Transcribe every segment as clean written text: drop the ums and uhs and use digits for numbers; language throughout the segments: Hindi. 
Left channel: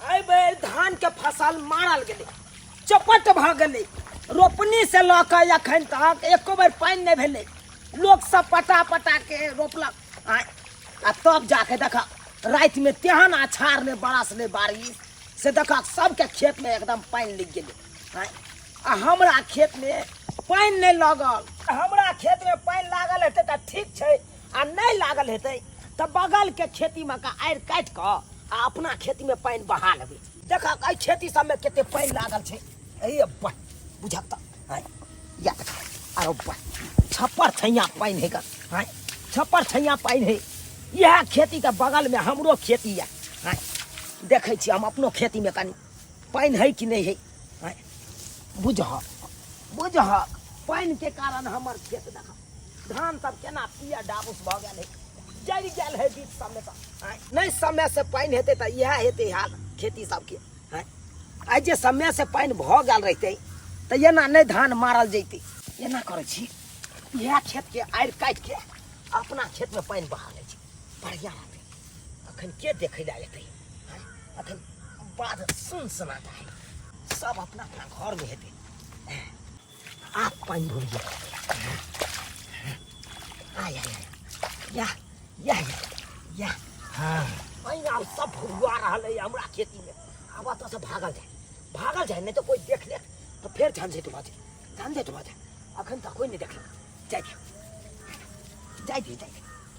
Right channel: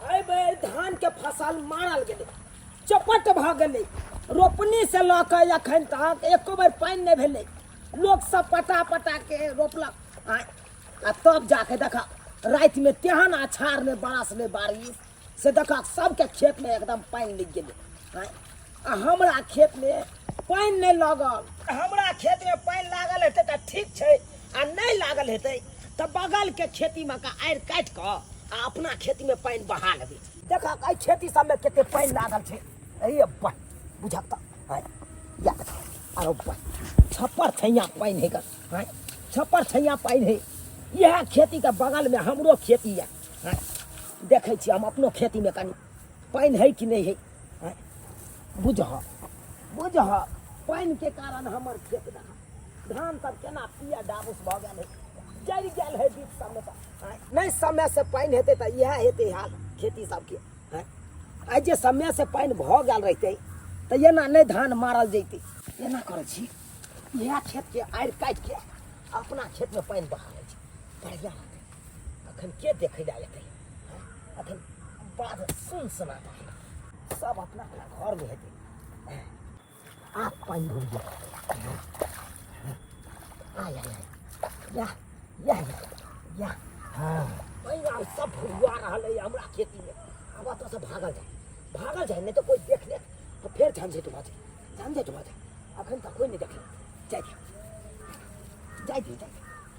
आई बेर धान के फसल मारल गेले, चपट भ गेले। रोपनी से लके अखन तक एको बेर पानी नहीं भेले। लोग सब पटा पटा के रोपलक। आ तब जाके देखा रात में तेहन अछाड़ ने बरस ने बारिश से देखा सबके खेत में एकदम पानी लग गेले। आ हमरा खेत में पानी नहीं लगल। हमरा खेत में पानी लागल हेतै त ठीक छै, आ नहीं लागल हेतै त बगल के खेती में का आड़ काट के आ अपना खेती में पानी बहा लेबै। देखा एहि खेती सब में केते पानी लागल छै। ए बा बुझक त या देखा आरो बा छप्पर छैया पानी है का। छप्पर छैया पानी है। यह खेती के बगल में हमरो खेती है। देखे छी हम अपनो खेती में कनी पानी है कि नहीं है। बुझह बुझह पानी के कारण हमर खेत देखा धान सब केना पिया डाबूस भ गेल है, जरि गेल है बीच सब में। नहीं समय से पानी हेतै त यह हेतै हाल खेती सबके। आई जे समय से पानी भ गेल रहतै त एना नहीं धान मारल जैतै। एना करै छी यह खेत के आड़ काट के अपना खेत में पानी बहा लै छी, बढ़िया रहतै। अखन के देखै ला एतै। अखन बाध सुनसनाटा है, सब अपना अपना घर में हेतै। आप पानी भर गया या या या या हाँ पानी सब भुआ रहल है हमरा खेती में। अब तो सब भागल जाए नहीं तो कोई देख ले तो फिर झंझट भऽ जाए। अखन तक कोई नहीं देख जाए।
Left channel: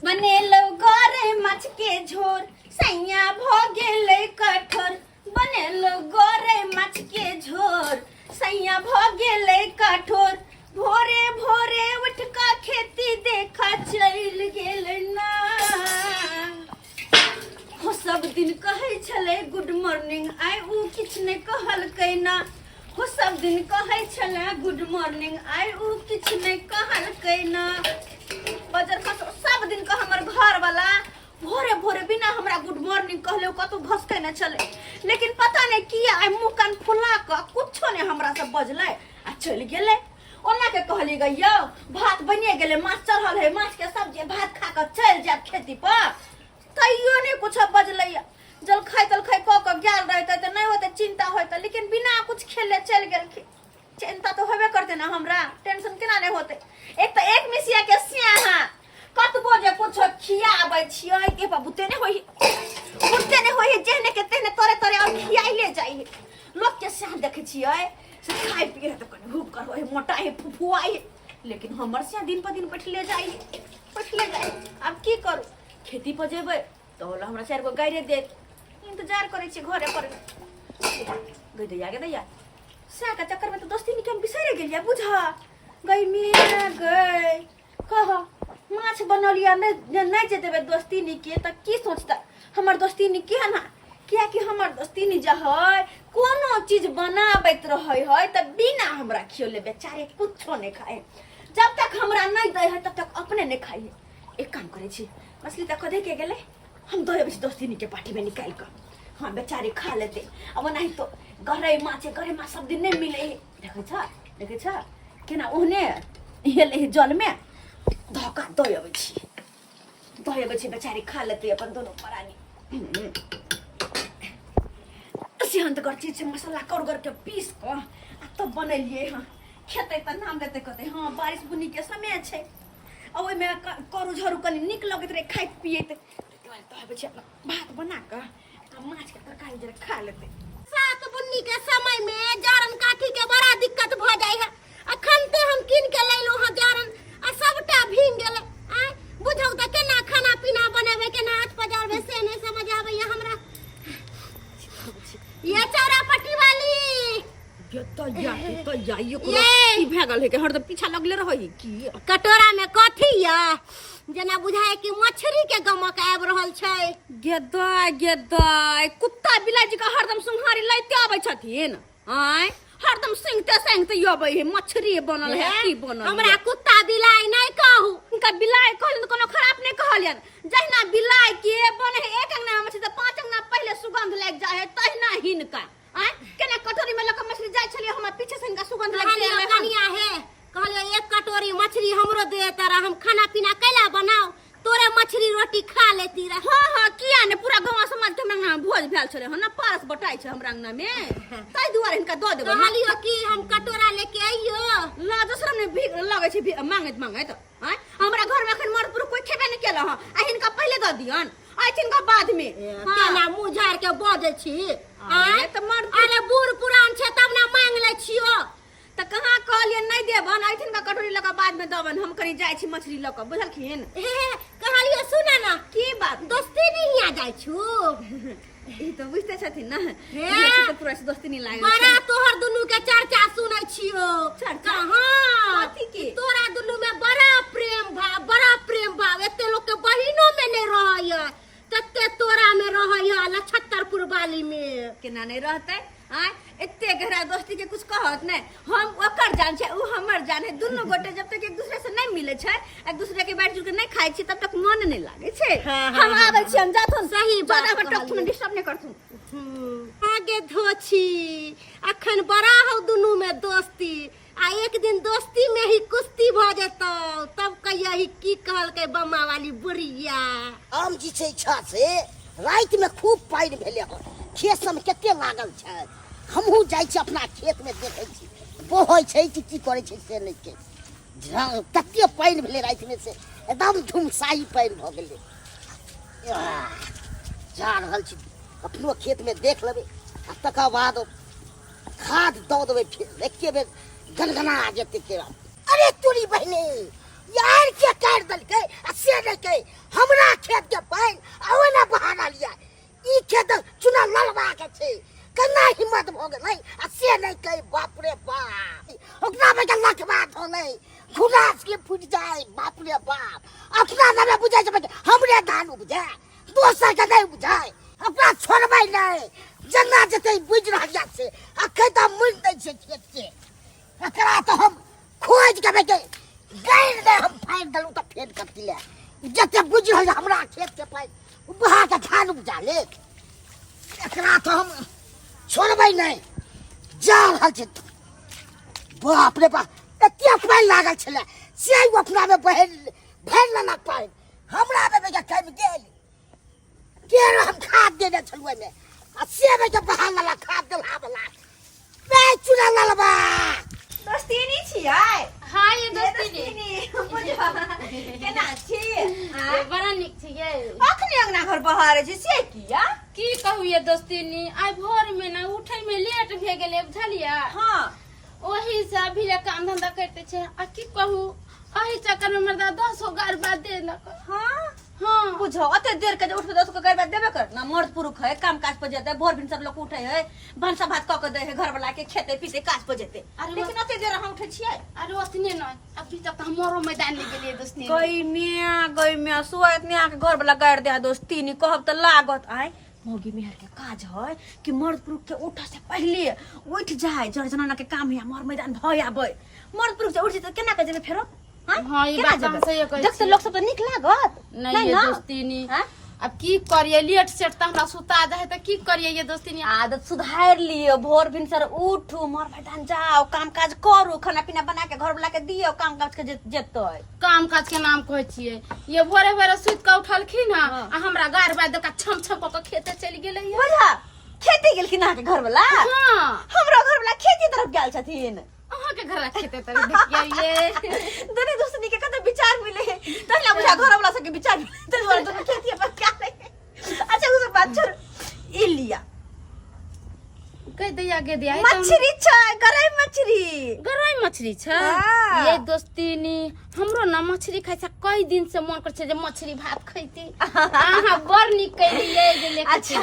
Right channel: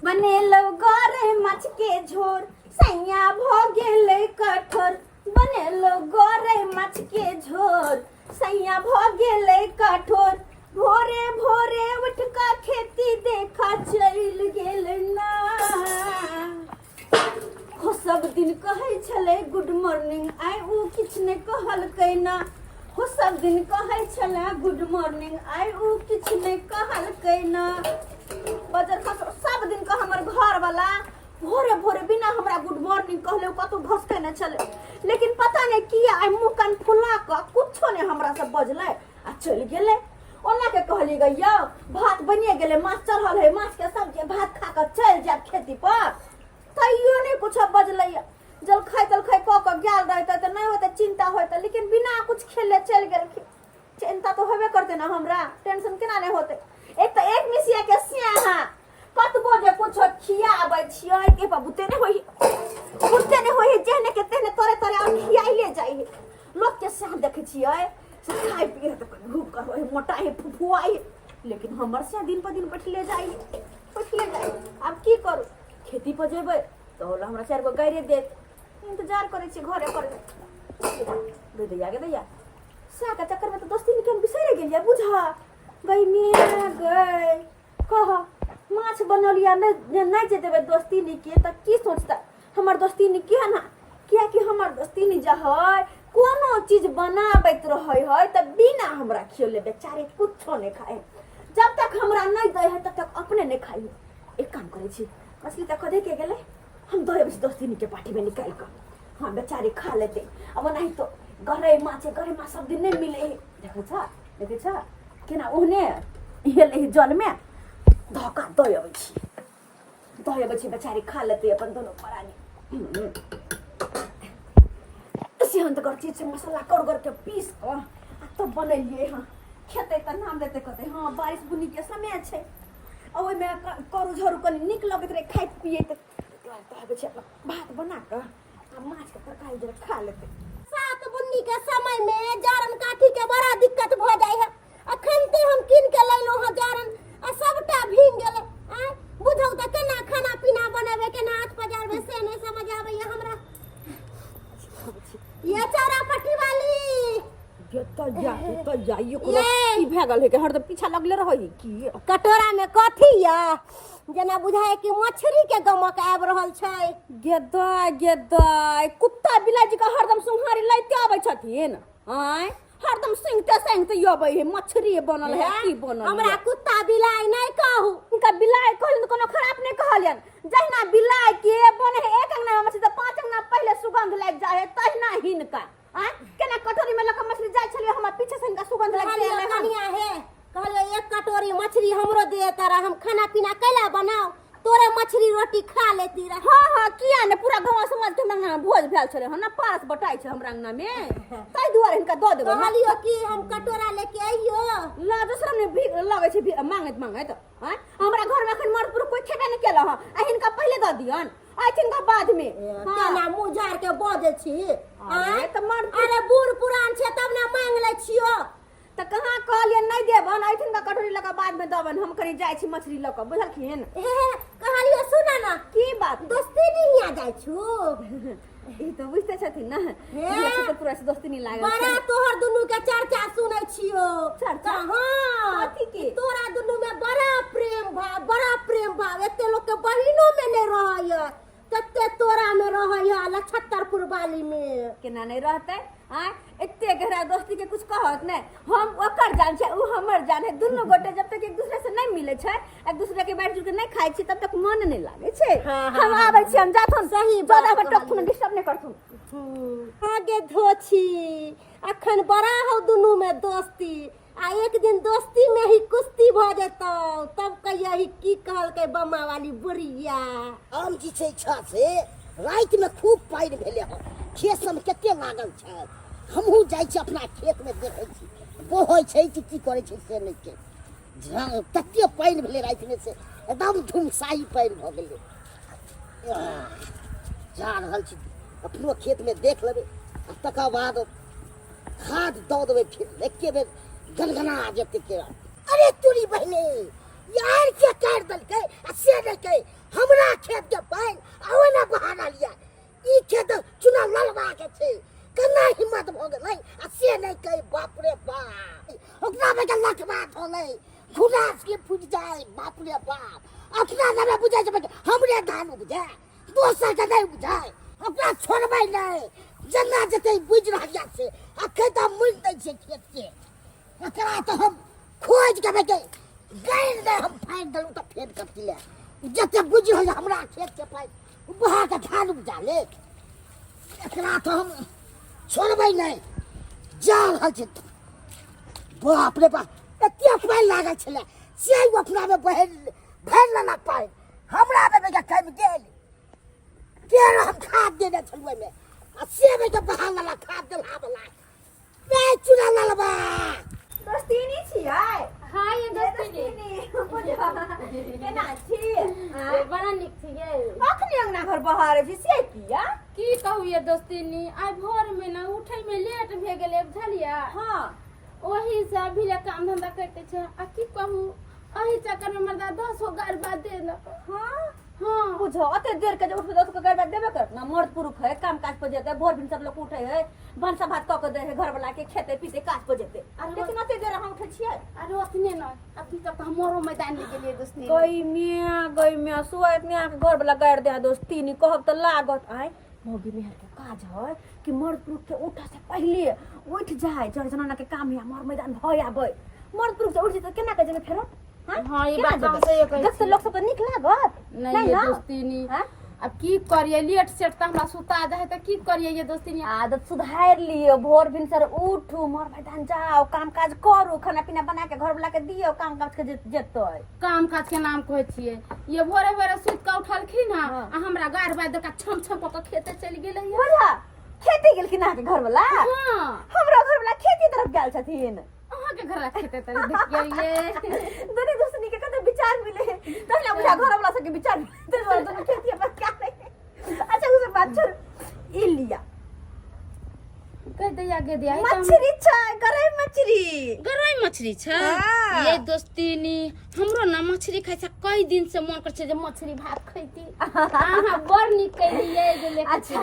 बनेलो गोरे मछ के झोर सैया भ गेले कठोर। बनेलो गोरे मछ के झोर सैया भ गेले कठोर। भोरे भोरे उठ का खेती देखा चल गेल ना। हो सब दिन कहे छले गुड मॉर्निंग आइ उ किछ ने कहलकै ना। हो सब दिन कहे छले गुड मॉर्निंग आइ उ किछ ने कहलकै ना। बजर खस सब दिन का हमर घर वाला भोरे भोरे बिना हमरा गुड मॉर्निंग कहले कतो भसके न चले। लेकिन पता नहीं किया आई मुंह कान फुला के कुछो ने हमरा से बजले आ चल गेले। ओना के कहली गयो भात बनिए गेले, माछ चढ़ल है, माछ के सब्जी भात खा के चल जात खेती पर। तैयो नहीं कुछ बजले। जल खाई क के गेल रहते त नहीं होते चिंता होते, लेकिन बिना कुछ खेले चल गेल। चिंता तो होबे करते ना, हमरा टेंशन केना नहीं होते। एक तो एक मिसिया के सिया कतबो जे कुछ खियाबै छियै के बुते नहीं होई जेहने के तेहने तोरे तोरे और खियाइले जाई। लोग के सिया देखे छियै से खाइ पिए त कनी भूख कर होय मोटा है फुफुआई, लेकिन हमर सिया दिन पर दिन बैठले जाई। अब की करू, खेती पर जेबै तो हमरा 4 गो गायरे दे इंतजार करे छी घरे पर। गे दैया सा के चक्कर में तो दोस्ती निकल बिसरे गेलिए। बुझा गई में गई कह माछ बनलिया नहीं जे देबे दोस्ती निके त की सोचता हमर दोस्ती निके ना। किया कि हमर दोस्ती नि जे है कोनो चीज बनाबैत रहै है त बिना हमरा खियोले बेचारे कुछो नहीं खाए। जब तक हमरा नहीं दे है तब तक अपने नहीं खाइए। एक काम करे छी मछली त कदे के गेले हम दो दोस्ती निके पार्टी में निकाल कर हाँ बेचारे खा लेते। अब नहीं तो गहरे माछ सब दिन नहीं मिले। देखे छ केना ओहने हेले जल में धक्का दय छी बेचारी खा लेते अपन दोनों परानी। सिहंत कर चीज से मसाला कर के पीस के आ तो बनलिए। हाँ खेते त नाम देते कहते हाँ बारिश बुनी के समय छे। आ ओइ में करू झरू कनी निक लगत रे खाइत पियत भात बना के आ माछ के तरकारी जरा खा लेते। सात बुन्नी के समय में जारन काठी के बड़ा दिक्कत भ जाय है। अखन ते हम किन के लैलो ह जारन आ सबटा भींग गेले। आ बुझौ त केना खाना पीना बनाबे केना हाथ पजारबे से नहीं समझ आवे हमरा। ये चौरापट्टी वाली ये तो ये ई भेगल है के हरदम पीछा लगले रहई की। कटोरा में कथी या जना बुझाए कि मछली के गमक आब रहल छै। गेदाय कुत्ता बिलाई जी का हरदम सुंघारी लैते आबै छथिन। आय हरदम सिंगते यबै है मछली बनल है की बनल। हमरा कुत्ता बिलाई नहीं कहू। इनका बिलाई कहलिन कोनो खराब नहीं कहलियन। जहिना बिलाई के बने है एक अंगना मछली त 5 अंगना पहले सुगंध लग जाय है तहिना हिनका। आय केना कटोरी में लक मछली जाय छलिए हमर पीछे से इनका सुगंध लग जाय है। कहलिए एक कटोरी मछली हमरो दे तारा हम खाना पीना कैला बनाओ तोरे मछली रोटी खा लेती रह। हाँ हाँ किया ने पूरा गांव समाज के हमरा भोज भेल छले हन ना पास बटाई छै हमरा अंगना में ताई दुआरे इनका दऽ देबो कहलियो कि हम कटोरा लेके आइयो ला दूसरा ने भी लगे छै मांगैत हैं हमरा घर में अखन मरपुर कोई खेबे नहीं केला हन आ हिनका पहले दऽ दियन आ तिनका बाद में केना मुंह झाड़ के बजै छी। अरे त मर अरे बूढ़ पुरान छै तब ना मांग ले छियो। त कहाँ कहलियन नहीं देबन आइथिन का कटोरी लगा बाद में दबन हम कनी जाय छी मछली लक बुझलखिन। कहलियो सुना ना की बात दोस्ती नहीं आ जाय छु। ई तो बुझते छथिन ना तो पूरा से दोस्ती नहीं लागे बड़ा तोहर दुनू के चर्चा सुनै छियो। चर्चा हां कथी के तोरा दुनू में बड़ा प्रेम भाव एते लोग के बहिनो में नहीं रहय तते तोरा में रहय लछत्तरपुर वाली में केना नहीं रहते आय एते गहरा दोस्ती के कुछ कहत नहीं हम ओकर जान छै उ हमर जान है दुनू गोटे जब तक एक दूसरे से नहीं मिले छै एक दूसरे के बैठ जुड़ के नहीं खाइ छी तब तक मन नहीं लागे छै। हम आबै छी हम जाथुन सही बात ज्यादा टकथुन डिस्टर्ब नहीं करथुन आगे धोछी अखन बड़ा हो दुनू में दोस्ती आ एक दिन दोस्ती में ही कुश्ती भ जेतौ तब कहिया की कहलकै बम्मा वाली बुढ़िया। आम जी छै इच्छा से रात में खूब पानि भेले हन खेत सब में कते लागल छै हमहू जाय छी अपना खेत में देखै छी बोहै छै कि की करै छै से नहीं के कते पानि भेले रात में से एकदम धुमसाई पानि भ गेलै जा रहल छी अपनो खेत में देख लेबै आ तकर बाद खाद दऽ देबै फिर एके बेर गनगना जेतै केरा। अरे तोरी बहिने यार के काट दलकै आ से नहीं कहे हमरा खेत के पानि आ ओना बहाना लिया ई खेत चुना ललवा के छै केना हिम्मत भ गेलै आ से नहीं कहे बाप रे बाप ओकरा में के लखवा धोलै घुलास के फुट जाए बाप रे बाप अपना नामे बुझाइ छै हमरे धान उपजा दोसर के नहीं बुझाइ अपना छोड़बै नहीं जना जते बुझ रहलिया से अखै त मुन दै छै खेत के एकरा तो हम खोज के बेटे गैर दे हम फाइन दलू तो फेर कति ले जते बुझ रहल हमरा खेत के पाइ बहा के धान उपजा ले एकरा तो हम छोड़बै नहीं जा रहल छै बाप रे बाप एते पाइ लागल छले से अपना में भर लेना पाइ हमरा में बेटा कम गेल केर हम खाद देने छलुए में आ से बेटा बहा वाला खाद देला वाला मैं चुना ललबा दोस्ती नहीं छियै। हाँ ये दोस्ती केना छी बड़ा निक छियै अखनी अंगना घर बहारे छी से किया की कहू ये दोस्ती नी आइ भोर में ना उठै में लेट भे गेलै बुझलिया हाँ ओही से अभी ले काम धंधा करते छै आ की कहू एही चक्कर में मर्दा 10 गार बाद देलक। हाँ हाँ बुझो अते देर के उठ के 10 को गरबा देबे कर ना मर्द पुरुष है काम काज पर जेते भोर दिन सब लोग उठे है भनसा भात क के दे है घर वाला के खेते पीते काज पर जेते लेकिन अते देर हम उठे छियै अरे ओतने न अभी तक हमरो मैदान ले गेलिए दोस्ती गई में सुआ इतने आके घर वाला गाड़ दे दोस्ती नहीं कहब त लागत आय मोगी मेहर के काज है कि मर्द पुरुष के उठे से पहले उठ जाए जड़ जनाना के काम है मोर मैदान भय आबे मर्द पुरुष से उठ जेते केना के जेबे फेरो हाँ ये बात से ये कहै देखते लोग सब तो निक लागत नहीं ये दोस्ती नी अब की करिए लेट सेट त हमरा सुता जाए त की करिए ये दोस्ती नी आदत सुधार लियो भोर भिन सर उठू मोर मैदान जाओ काम काज करू खाना पीना बना के घर वाला के दियो काम काज के जेतो काम काज के नाम कहै छियै ये भोरे भोरे सुत के उठलखिन आ हमरा गार बाद का छम छम क खेते चल गेलै बुझा खेती गेलखिन अहाँ के घर वाला हां हमरो घर वाला खेती तरफ गेल छथिन अहाँ के घर खेते तर देखिए ये दोनों दोस्तनी के कते विचार मिले तहला बुझा घर वाला सब के विचार मिले तो दोनों खेती पर क्या नहीं अच्छा उस बात छोड़ ई लिया कह दिया गे दिया मछली छै गरई मछली छै हाँ। ये दोस्ती नी हमरो ना मछली खाइ छै कई दिन से मन कर छै जे मछली भात खैती आहा बड़ निक कैली ये जे लेके अच्छा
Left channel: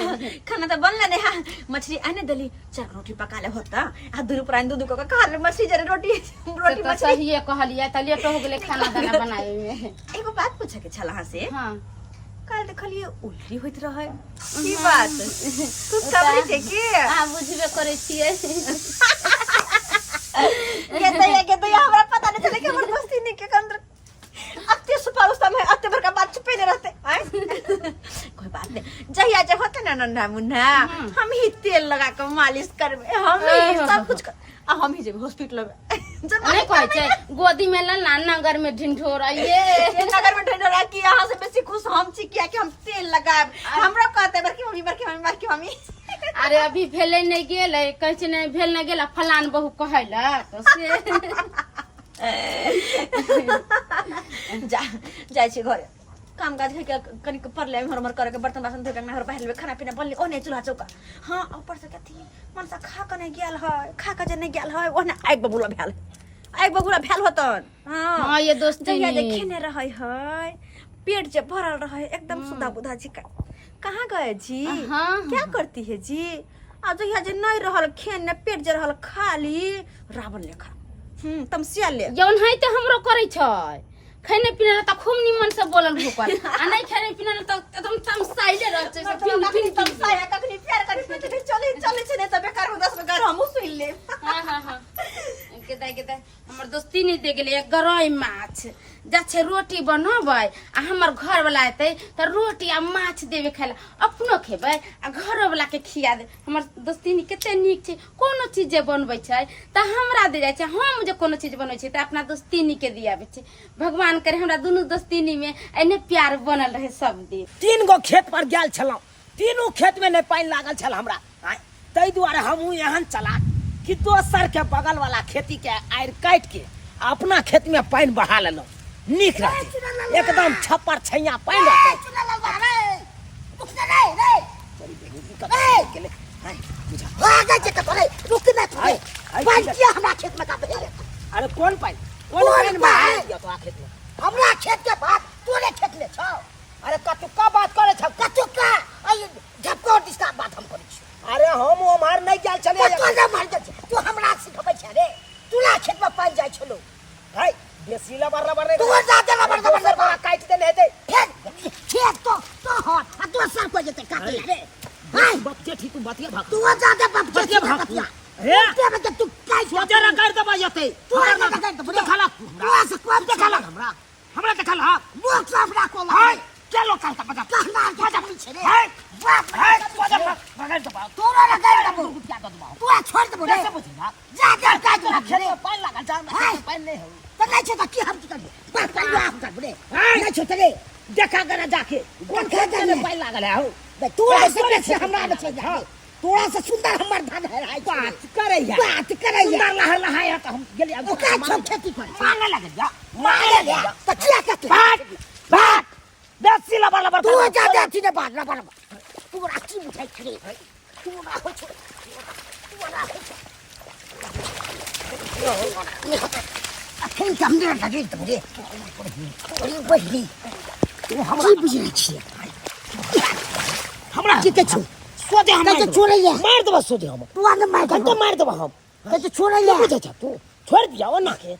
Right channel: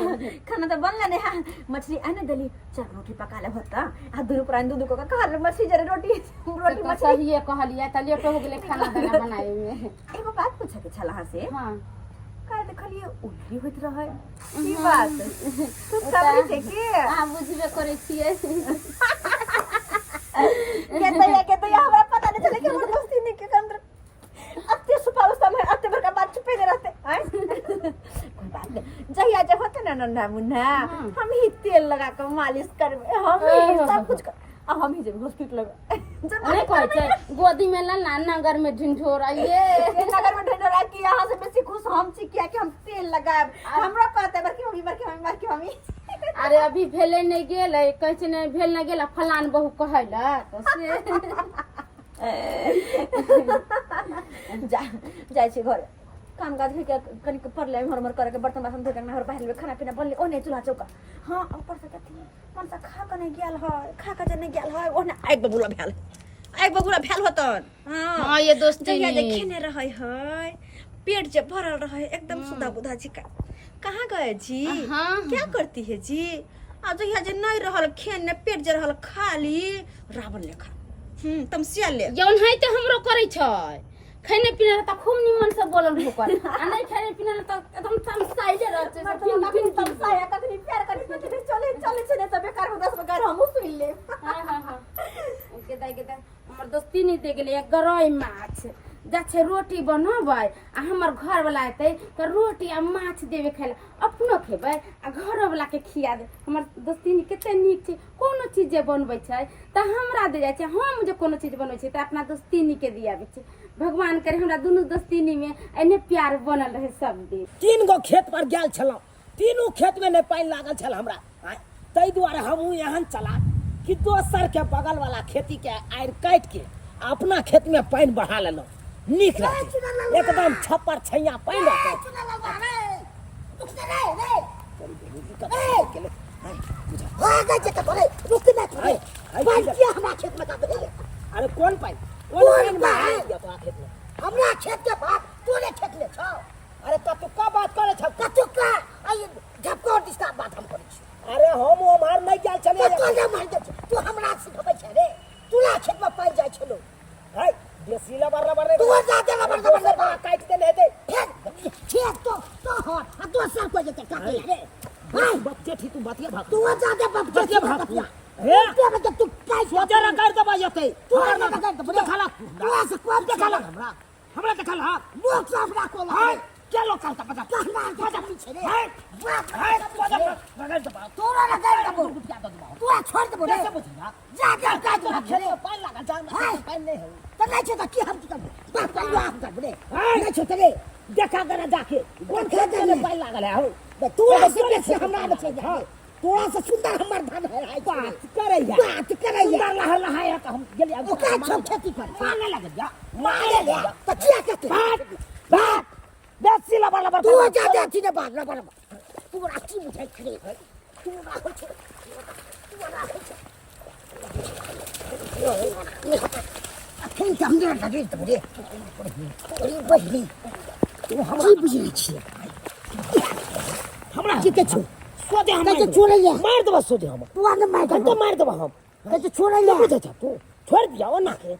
खाना तो बनला ने हां मछली आने दली चार रोटी पका ले होता आ दुनु प्राण दूध को खा ले मछली जरे रोटी तो सही कहलिया त लेट हो गेले खाना दाना बनावे में एगो बात पूछे के छला से हां काल देखलिए उल्टी होइत रहे की बात तू कबरी थे की हां बुझबे करे छियै के तो हमरा पता नहीं चले कि हमर दोस्ती नहीं के अंदर अत्ते सुपार उस समय अत्ते भर का बात छुपे रहते आय कोई बात नहीं जहिया जब होते ना नन्ना मुन्ना हम ही तेल लगा के मालिश करबे हम ही सब कुछ हम ही जब हॉस्पिटल में नहीं कहै छै गोदी में लला नगर में ढिंढोरा ये नगर में ढंढोरा की यहाँ से बेसी खुश हम छी किया कि हम तेल लगाब हमरा कहते बड़की मम्मी अरे अभी भेले नहीं गेले कहै छै नहीं भेल नहीं गेला फलान बहू कहैला तो से जाय छी घर काम काज के कनी पड़ले हमर करे के बर्तन बासन धोके हमर पहले खाना पीना बनले ओने चूल्हा चौका हां ऊपर से कथी मन से खा के नहीं गेल है खा के जे नहीं गेल है ओने आग बबुला भेल होतन हां ये दोस्ती ये देखेने रहे है पेट जे भरल रहे एकदम सुधा बुधा जी कहाँ गए जी क्या करती है जी आज यहाँ जे नहीं रहल खेने पेट जे रहल खाली रावण लेखा तमसिया ले जौन है त हमरो करे छै खाने पीने त खूब निमन से बोलल भूकर आ नहीं खाने पीने त एकदम तमसाइले रह छै फिन तमसाया कखनी प्यार कखनी चले छै ने त बेकार में 10 बेकार हमहु सुन ले हां के दाई हमर दोस्ती नहीं दे गेले एक गरई माछ जा छै रोटी बनबै आ हमर घर वाला एतै त रोटी आ माछ देबे खाइला अपनो खेबै आ घर वाला के खिया दे हमर दोस्ती नहीं कते नीक छै कोनो चीज जे बनबै छै त हमरा दे जाय छै हम जे कोनो चीज बनबै छै त अपना दोस्ती नहीं के दियाबे छै भगवान करे हमरा दुनु दोस्ती में एने प्यार बनल रहे सब दिन 3 गो खेत पर गेल छलौ तीनों खेत में नहीं पानी लागल छल हमरा तै दुआरे हमहू एहन चला कि दोसर के बगल वाला खेती के आड़ काट के अपना खेत में पानी बढ़ा लेलौ नीक रहते एकदम छप्पर छैया पानी रहते अरे कौन पानी हमरा खेत के बात तोरे खेत ले छौ अरे कतुका बात करे छ कतुका झपको दिस्ता बात हम करै छी अरे हम हमार नहीं जाल चले तू ना मार दे तू हमरा सिखबै छ रे तूला खेत में पानी जाय छलो भाई बेसी लबर रे तू ज्यादा लबर काट दे हेते खेत तो हो आ दोसर को जते काट रे भाई बच्चे ठीक तू बतिया भाग तू ज्यादा बच्चे भाग हे ते तू काय सोचा ना कर दबा जते तू ना कर दे खाला तू ऐसे कोन देखला हमरा देखला मुख साफ राखो हाय चलो कल तक बता कहना क्या पीछे रे हाय बाप हाय बगल दबा तोरा ना कर दबो क्या दबा तू छोड़ दबो रे कैसे बुझिया ज्यादा काट खेत में पानी लगा जा पानी नहीं हो तो नहीं छोटा की हम कर बाप पानी आप कर रे नहीं छोटा रे देखा करा जाके कौन खेत में पानी लागल है हो तू ऐसे से हमरा बचे जा तोरा से सुंदर हमर धान है बात करैया सुंदर लहर लहाया तो हम गेली अब ओका सब खेती कर मांगे लगे जा मारे ले तो क्या करते बात बेसी लबर तू ज्यादा थी ने बात लबर तू राची मुठाई खड़े तू ना हो तू ना हो अखन हमरे लगे तो रे अरे बहनी तू हमरा बुझे छी हमरा की के छु सोदे हम तो छोड़े ले मार दबा सोदे हम तू आने मार दबा हम तो छोड़े ले बुझे तू छोड़ दिया वो ना के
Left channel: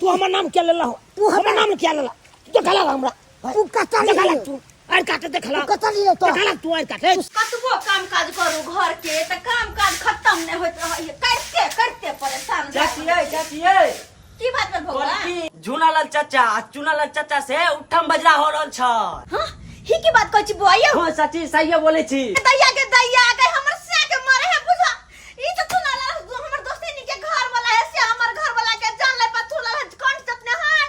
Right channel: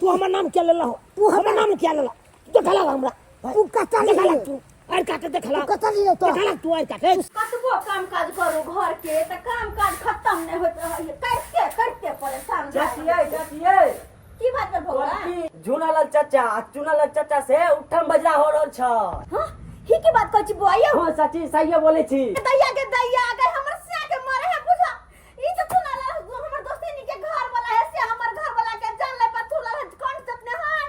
तू हमर नाम क्या लेला हो तू हमर नाम क्या लेला देखला हमरा तू कता ले देखला तू आर काटे देखला तू कता ले तो देखला तू आर काटे कतबो काम काज करू घर के त काम काज खत्म नहीं होत रहे करते परेशान चाचिए की बात भेल भौआ झुनालाल चाचा से उठम बजरा हो रहल छ हां ही की बात कहै छी बुआ यौ हां चाची सही बोले छी दैया के हमर से के मारे है बुझा ई तो सुनाला हमर दोस्ती के घर वाला है से हमर घर वाला के जान ले पथुला कौन जतने हन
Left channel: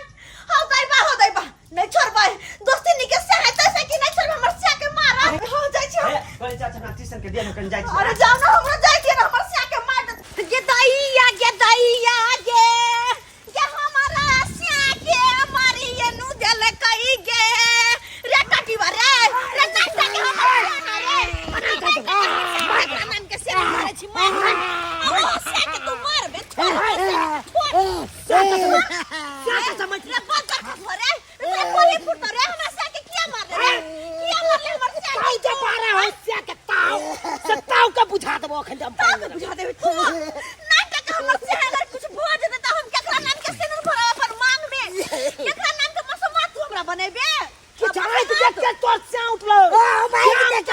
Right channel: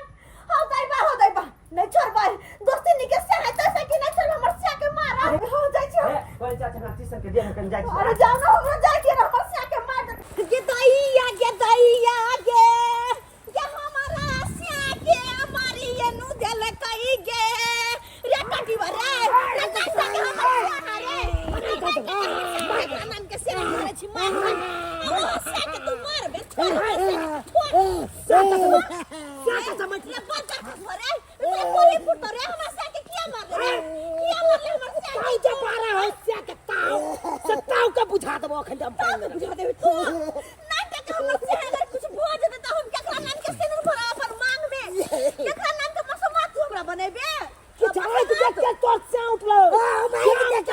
हो गई बा नहीं छोड़ भाई दोस्ती के से है तैसे कि नहीं छोड़ हमर से के मारा हो जाय छी बोले चाचा ना ट्यूशन के दिया कन जाय छी अरे जाओ ना हमरा जाय छी हमर से के मार दे ये दैया के ये हमारा से के हमारी ये नु देले कही गे रे काटी रे नहीं सके हमारा रे नाम के से मारे छी मार से के तू मार बे क्या समझ ले बात कर रे रे कोली फुट रे हमरा से के किया मार रे हमर से काई जे मारे हो से के ताऊ का बुझा देबो अखन हम पानी बुझा देबे तू नाटक हमर से अगर कुछ भो जेते त हम केकरा नाम के सिनुर भरा अपन मांग में केकरा नाम के मसमा तू हमरा बनेबे कि चाहे तू देख के तोर से उठलो ओ भाई देख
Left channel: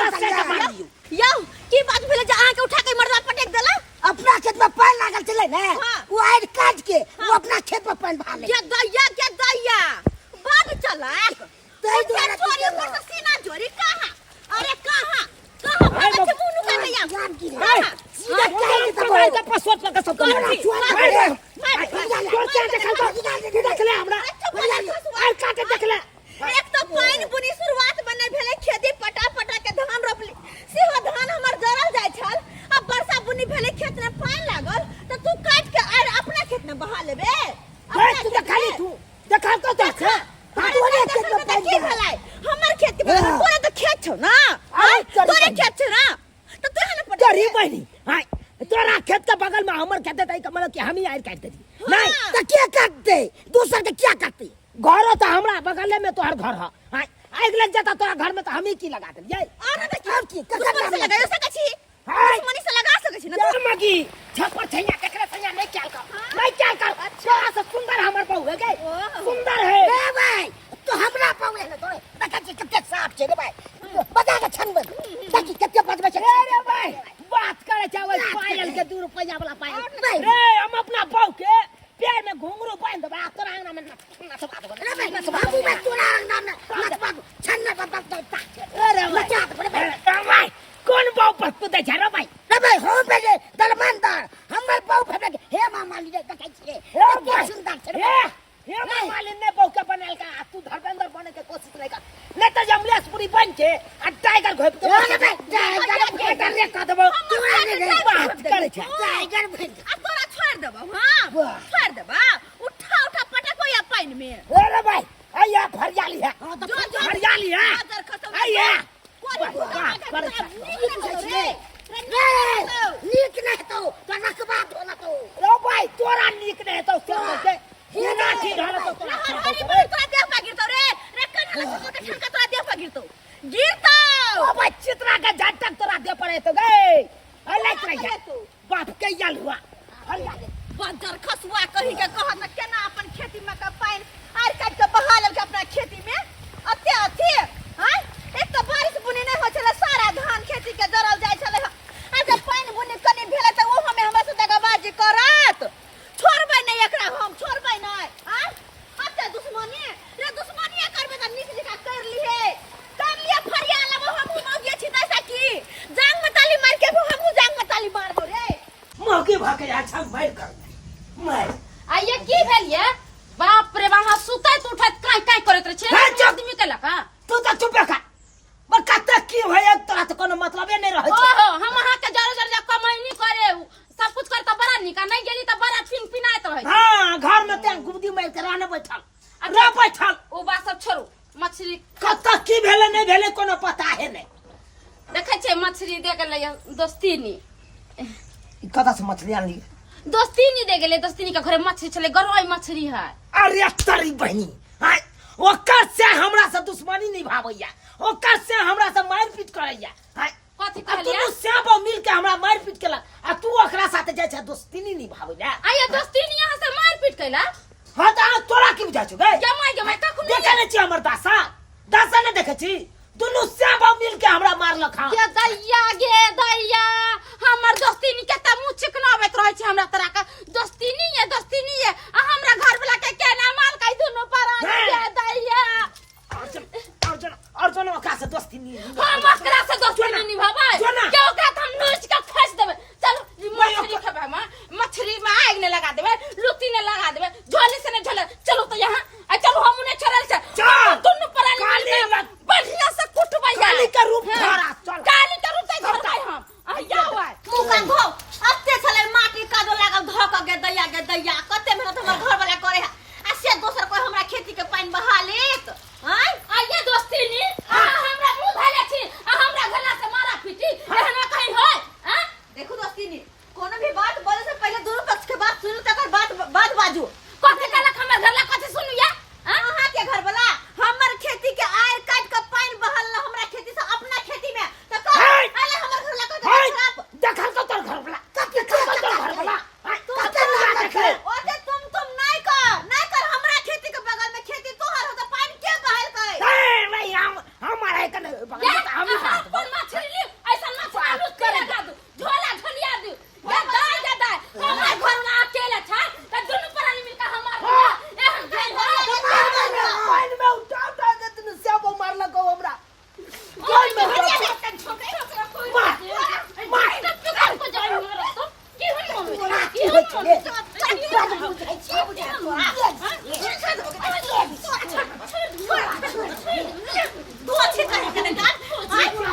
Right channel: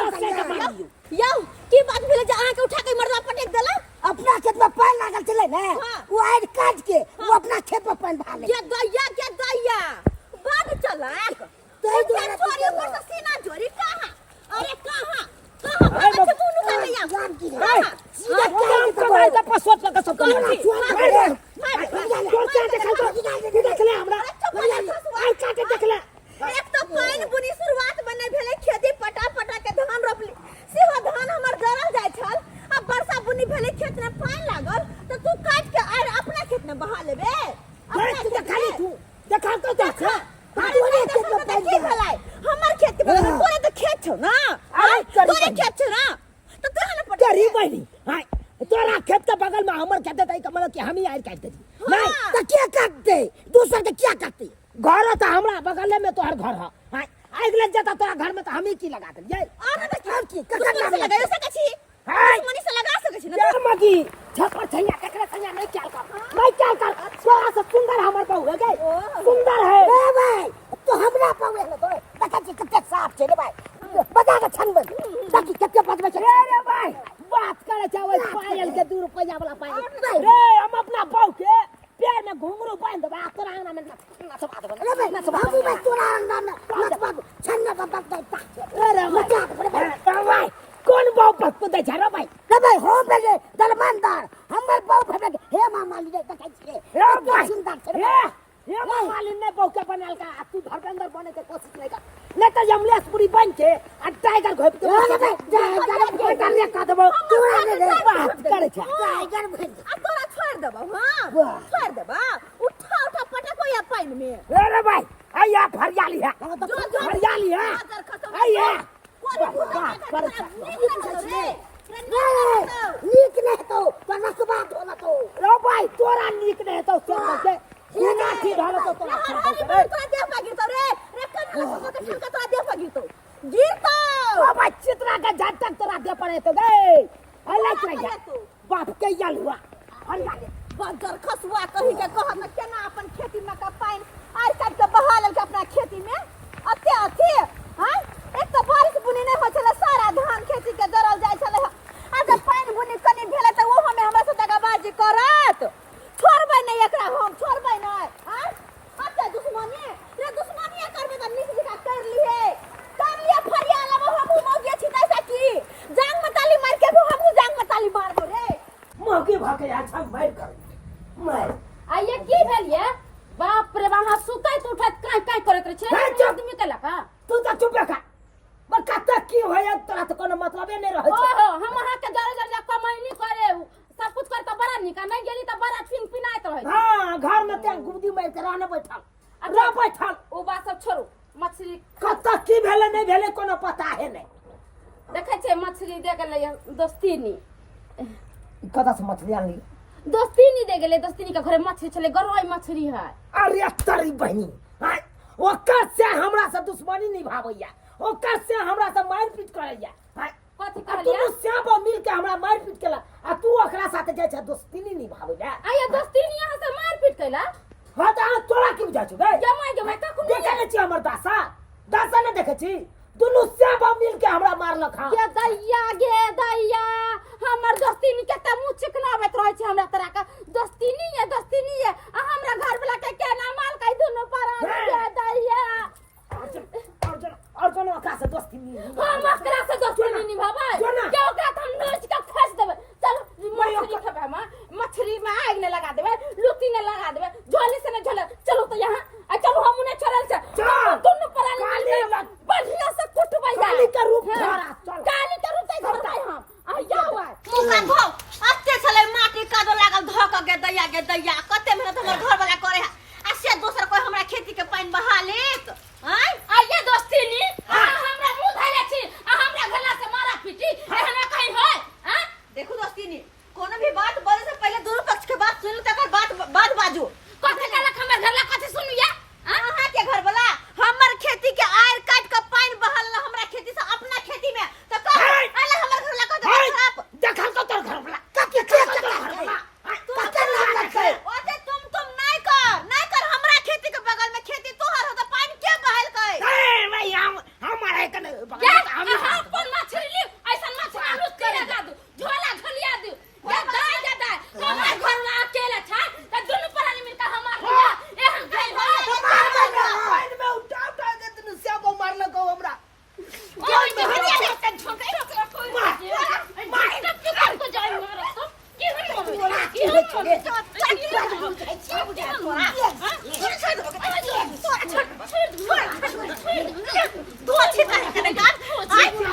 यौ की बात भेले जे अहाँ के उठा के मरवा पटक देला अपना खेत में पानी लागल चले ने वो आड़ काट के वो अपना खेत में पानी भर ले के दैया बाद चला तै द्वारा छोरी पर से सीना जोरी कहां अरे कहां बच्चे मुनु का दैया जान की सीधा सीधा काम करवाई त पसवत का सब कौन सी? मार छले खेत में पानी लागल तो तू काट के और अपना खेत में बहा लेबे तू देखा ली तू देखा तो देख तोरे खेत में पानी की भलाई हमर खेत के बगल में पूरा तो खेत छौ ना तोरे खेत छ ना तो तोरा न पड़ तेरी बहनी हां तोरा खेत के बगल में हमर खेत है मतलब कि हम ही आर काट दे नहीं तो क्या काटते दूसर के क्या काटते घर तो हमरा बगल में तोहर घर है हां आग लग जाता तोरा घर में तो हम ही की लगा दे ये और तो की ककर से लगायो सकै छी मनी से लगा सकै छी ना तू मगी छपर छैया केकरा छैया नहीं क्या कर तोरा से सुंदर हमर बहू है गई सुंदर है ए भाई तो हमरा पावे ले तोरे देखा छी कते साफ छे रे भाई बता के छन बन ताकि कते बचबे छे रे भाई बात करे चावल पायल के 2 रुपया वाला पायल रे हम अपना बहू के पैर में घुंघरू बांध दबा तोरा अंगना में नचवा दबा रे भाई बाबू मैं तोरा अंगना में नचवा छन न बता अरे मचा दे भाई कौन बाऊ पर कुदे जा रे भाई रे भाई हो बेले दलमंदार हमर बाऊ फेबे हे मामा ली देखा छी रे सुंदर छे ये मालिन ने बहु के बनल का तू धर्मेंद्र बने के कोशिश नहीं कर नहीं तो जमलेशपुरी बन के आ टाइगर घोप के टाइगर रे का देबो तोरा ने बात करे छ टाइगर बन आ तोरा छोड़ देबो हां छोड़ देबा उठा पटको या पानी में रे भाई आया फरियाली है फरियाली है आया बात करे छ नीक नहीं तो नकबा होला तो रो भाई तोरा नीक नहीं तो क्या से ना ठीक हाल तो तोरा तोरा देह पर गिरतो रे कन्ना लगा के ठनका तोरा देह पर गिरतो ओ भाई चित्रा के झटक तोरा दे पड़े तो गए हल्ला रह बाप के याल हुआ हल्ला बंदर खसुआ कही के कह न केना अपन खेती में का पानी आर काट के बहा लेल के अपना खेती में अते हां एक तो बारिश बुनी नहीं हो छले सारा धान खेती के जरल जाय छले आ जब पानी बुनी कनी भेले त वो हमें हमरा से दगाबाजी करत छोड़बै नहीं एकरा हम छोड़बै नहीं हां अते दुश्मनी रे दुश्मनी करबे त नीक जका कर लिए फरिया लेबो हम मौगे छी दैसा की जांग में ताली मार के हम जांग में ताली मारबो रे मौके भाके अच्छा बैठ कर मैं आइए की भेलिए बाप रे बाप सुतैत उठैत काय करैत रह छे आदमी के लका तू तो चुप कर बका तक की होय तोरा तो कोनो मतलबे नहीं रहे छ ओहो हम अहाँ के जरूर कमाई करे सब कुछ करता बड़ा निका नहीं गेली त बड़ा फिन फिनाइत रहे हां घर में ते गुदी मार के रहने बैठल रे बैठल ओ बात सब छोड़ू मछली कत की भेले नहीं भेले कोनो पता है नहीं देखे छे मछली दे गेलै दोस्तीनी कदा से मछली आनली दोस्तीनी दे गेलै दोस्तीनी के घरे मछली छले गरोई मछली है अरे तारी बहनी हां ओकर से हमरा से दुश्मनी निभावैया ओकर से हमरा से मारपीट करैया हां कथि तू कहलिया श्याम मिल के हमरा मारपीट केला आ तू ओकरा साथे जाय छ दोस्तीनी निभावैया आइए दोस्तीनी यहाँ से मारपीट कैला हां त तोरा की बुझा छ गए जमाई कखु देखे नहीं छी हमर दासा ने देखे छी दुनु श्याम मिल के हमरा मारलक हां के दैया गे दैया हमर दोस्तीनी केता मुंह चिकनाबैत रहै छै हमरा तरह का दोस्तीनी है आ हमरा घर वाला के केना माल काई दुनु पर गे दैया अर्जुन ओकरा से दोस्तीनी हम ओकरा से दोस्तीनी निभाबै के ओकरा हम नोच के खस देबै चलो मछली खेबै हम मछली में आग ने लगा देबै लुती ने लगा देबै झोली से ने झोले चलो तो यहाँ आ चलो हम ने छोड़ल छै दुनु पर बढ़िया से कुटबै काली का रूप धरा चल काली का रूप धरबै हम आया हुआ मुकान भौ अते छले माटी कादो लागल धक के दैया कते मेहनत हमर घर वाला करे आ से दोसर कोई हमरा खेती के पानी बहा लेत हैं आइए दोस्तीनी हमरा मुंह धले छी हमरा घला से मारा पीटी हमरा कहीं होय हैं देखो दोस्तीनी कोनो भी बात बोले से पहले दोनों पक्ष के बात सुन तकर बात बाजू कथे कला हमर घला कथे सुनिए अहाँ के घर वाला हमर खेती के आयर काट के पानी बहाल हमरा खेती से अपना खेती में त कह अला हमर घर वाला कथे देखल को तोर घर वाला ओते तुम नहीं कर हमरा खेती के बगल में खेती तोहर हो त पानी के बहाल कई ए भाई हमारे कने हम कौन मछली ली ऐसा मछली लूट के लगा दू झोला झोलिया दू ये दाय हमरा घर में अकेले छै त दुनु प्राणी मिलकर हमार एहन भेल पानी में उठा दे तने सब मारल को हमरा कोई में हरिया के झोंके रखला कोई मार के को जाई हमरा तो की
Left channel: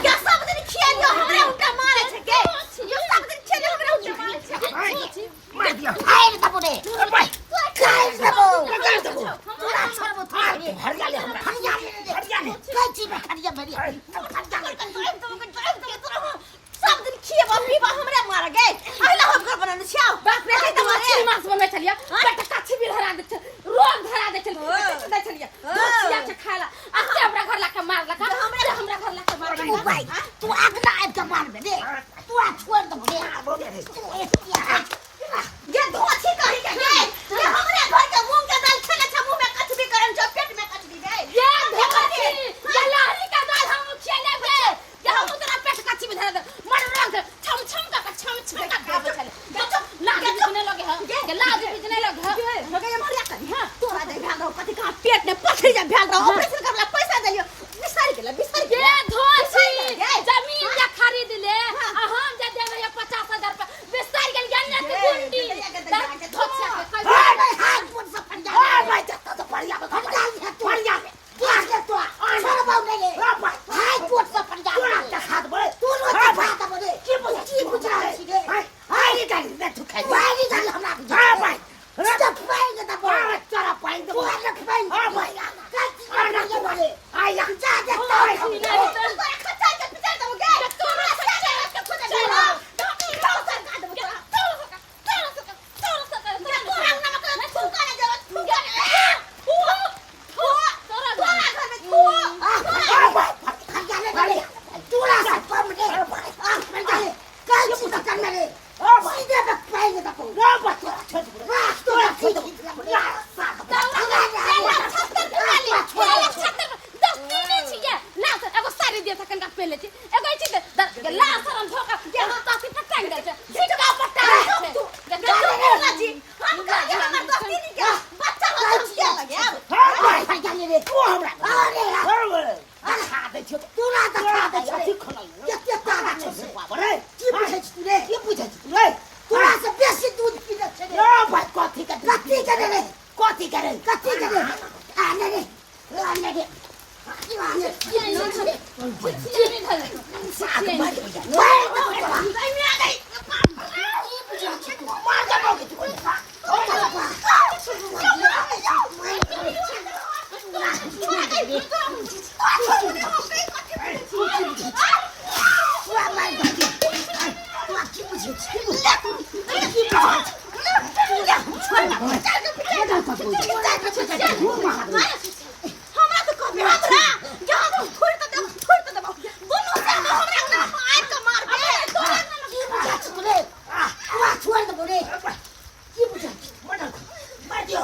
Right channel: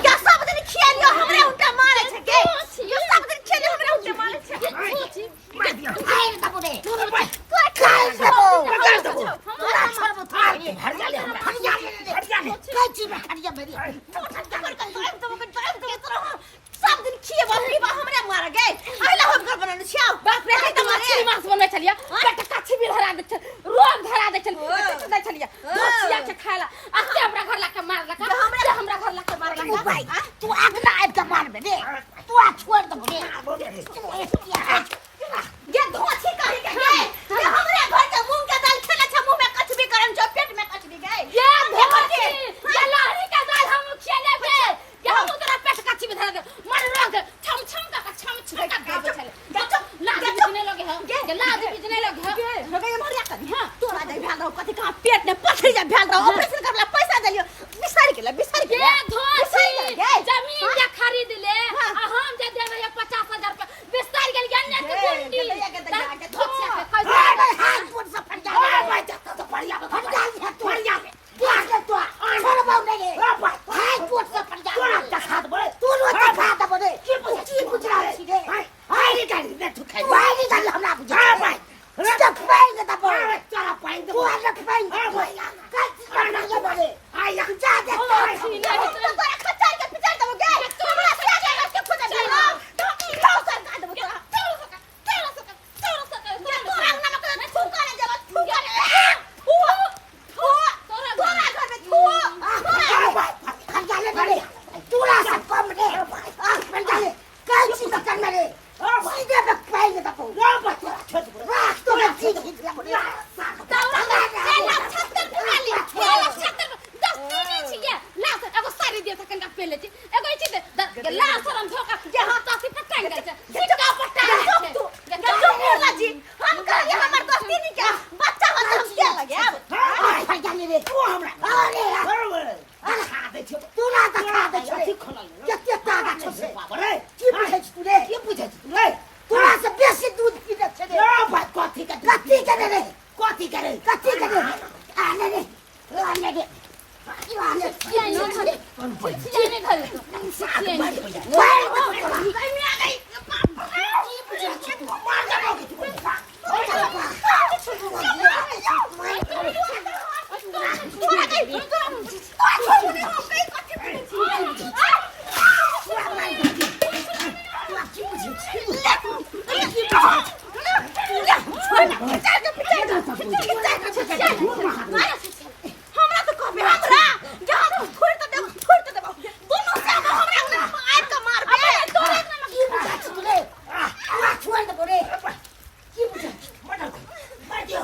क्या सब दिन खेलियो हमरा उल्टा मारे छै के सब दिन खेलियो हमरा उल्टा मारा गे अइला हम घर बनाने छियाओ बाप रे त मछली मांस बनबै छलिया पेट काछी भी धरा दे छल रोग धरा दे छल पेट दे छलिया दोसिया के खायला अते हमरा घर ला के मारला का हमरा घर ला के मारला भाई तू अगला आब के मारबे रे तू आ छोड़ दे ये धोती कही के गे ये हमरे घर के मूंग के दाल खेले छ मुंह में कच भी करन छ पेट में कच भी गए ये धोती ये लाही का दाल हम खेले बे ये हम तोरा पेट काछी भी धरा दे मर रोग छम छम का छम छम का देबे छले ना बिजने लगे ह ये लाद बिजने लगे हो गए मरिया करी हां तोरा दे भेल रहो कथि का पेट में पथरी जा भेल रहो ऑपरेशन करला पैसा देलियो बिसारी के ये धोती जमीन या खरीद ले आ हम जे देबे 50,000 रुपया बिसार गेल जाने तू गुंडी धोतिया के पैसा भाई हाथ पुट से फट जा भाई जत्ता तो बढ़िया फट जा है तो बढ़िया तू आ के तो छोड़ बाऊ नहीं हाथ पुट से फट जा तू खा दे तू नो खा दे बोले की पूछ रहा है हाय निकाल दे तू खाई भाई निकाल हमरा हां भाई राजा पाएंगे तब चला पाएंगे तू आ पाएंगे हां भाई काची करना ये बोले आया जा दे तो खच्चा के पिछड़ दबो गे हमरा से जाए के खुद चल लो सर काट दबो तोरा नमक में फूका ने देबो फूका ने तोरा घर में फू फट जाने वाले चूड़ा से कम दे फट जाने काची का कर मेरे सीधे पे पाएंगे तब रो बच्चा छोड़ तोरा सीधे पहले छी एगो छी दे ला सरम धोखा जे हाथ से पट्टा गए छै झटका पट्टा है गजो जी हम कह हमर दोस्ती नहीं के बच्चा के लगे हां जाने रे तू हमरा अरे हाथ दे छो तू ना त खा दे छो के तागा छो से रे की पूछै छी तू रे की पूछै छी तू रे तोरा से बेसी दूध पी दे छे रे भाई कथि करे रे कथि करे आने रे आने रे आने हमरा तो कभी हमरा जहां तू छोड़ त देबो दोनों से हमरा ना आइ के मारबे की बुझा छी तू रे तू छोड़ दे बोले की बुझा छी मार दियो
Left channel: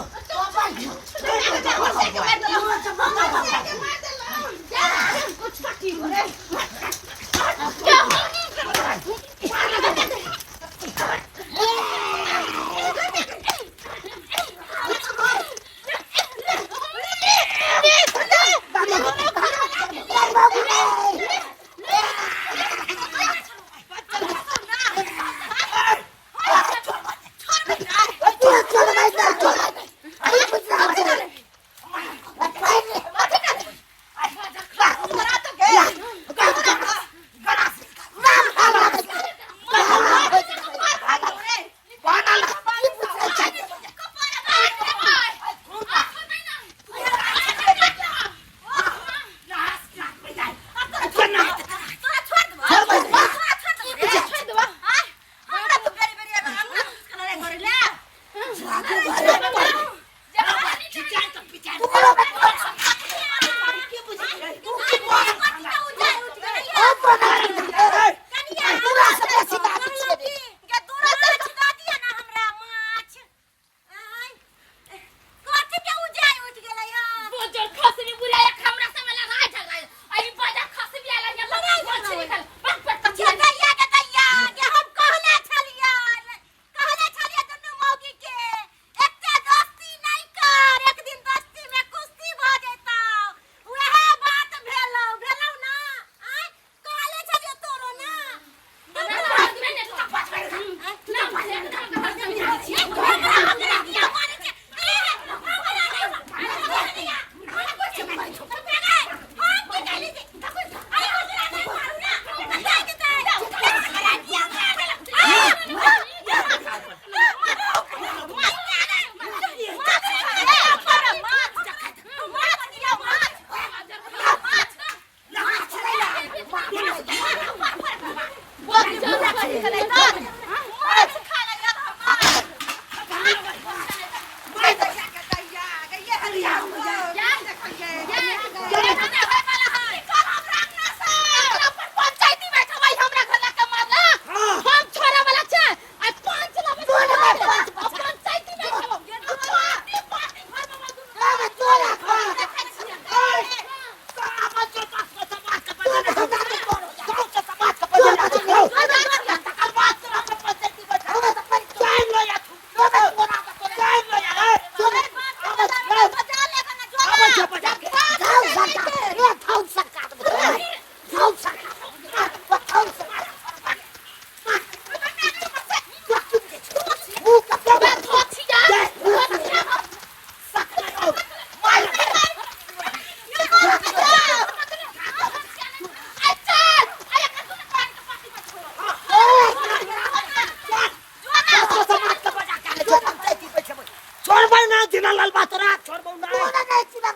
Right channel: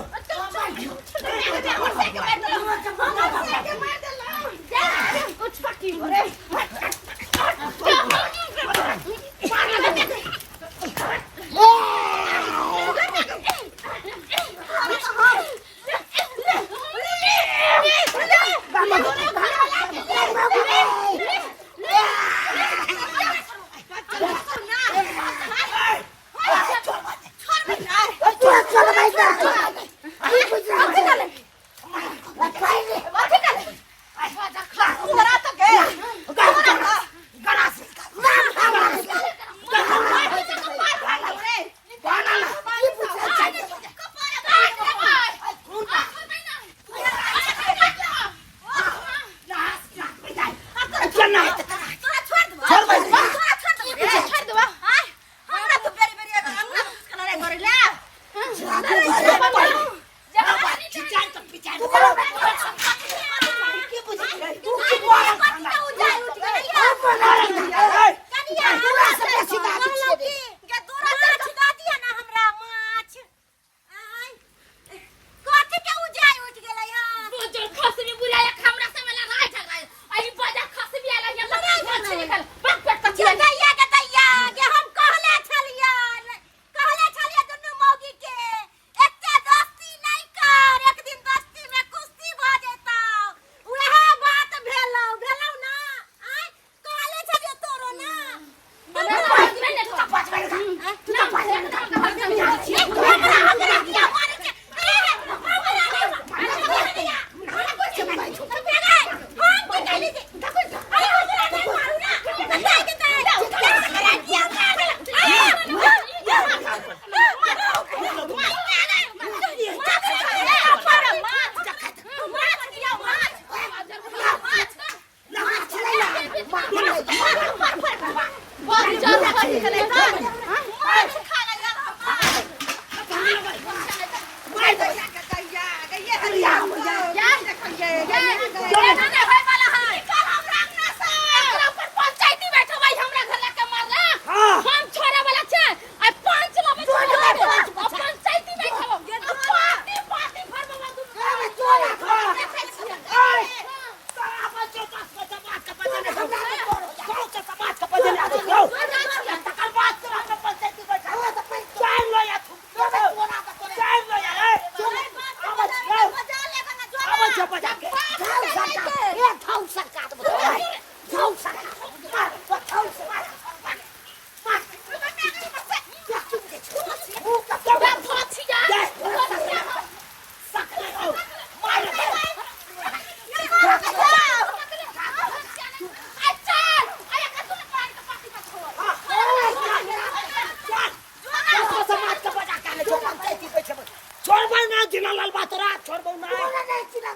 मैं ना जिना लाल बातरा छोड़बो ना तोरा नहीं चुना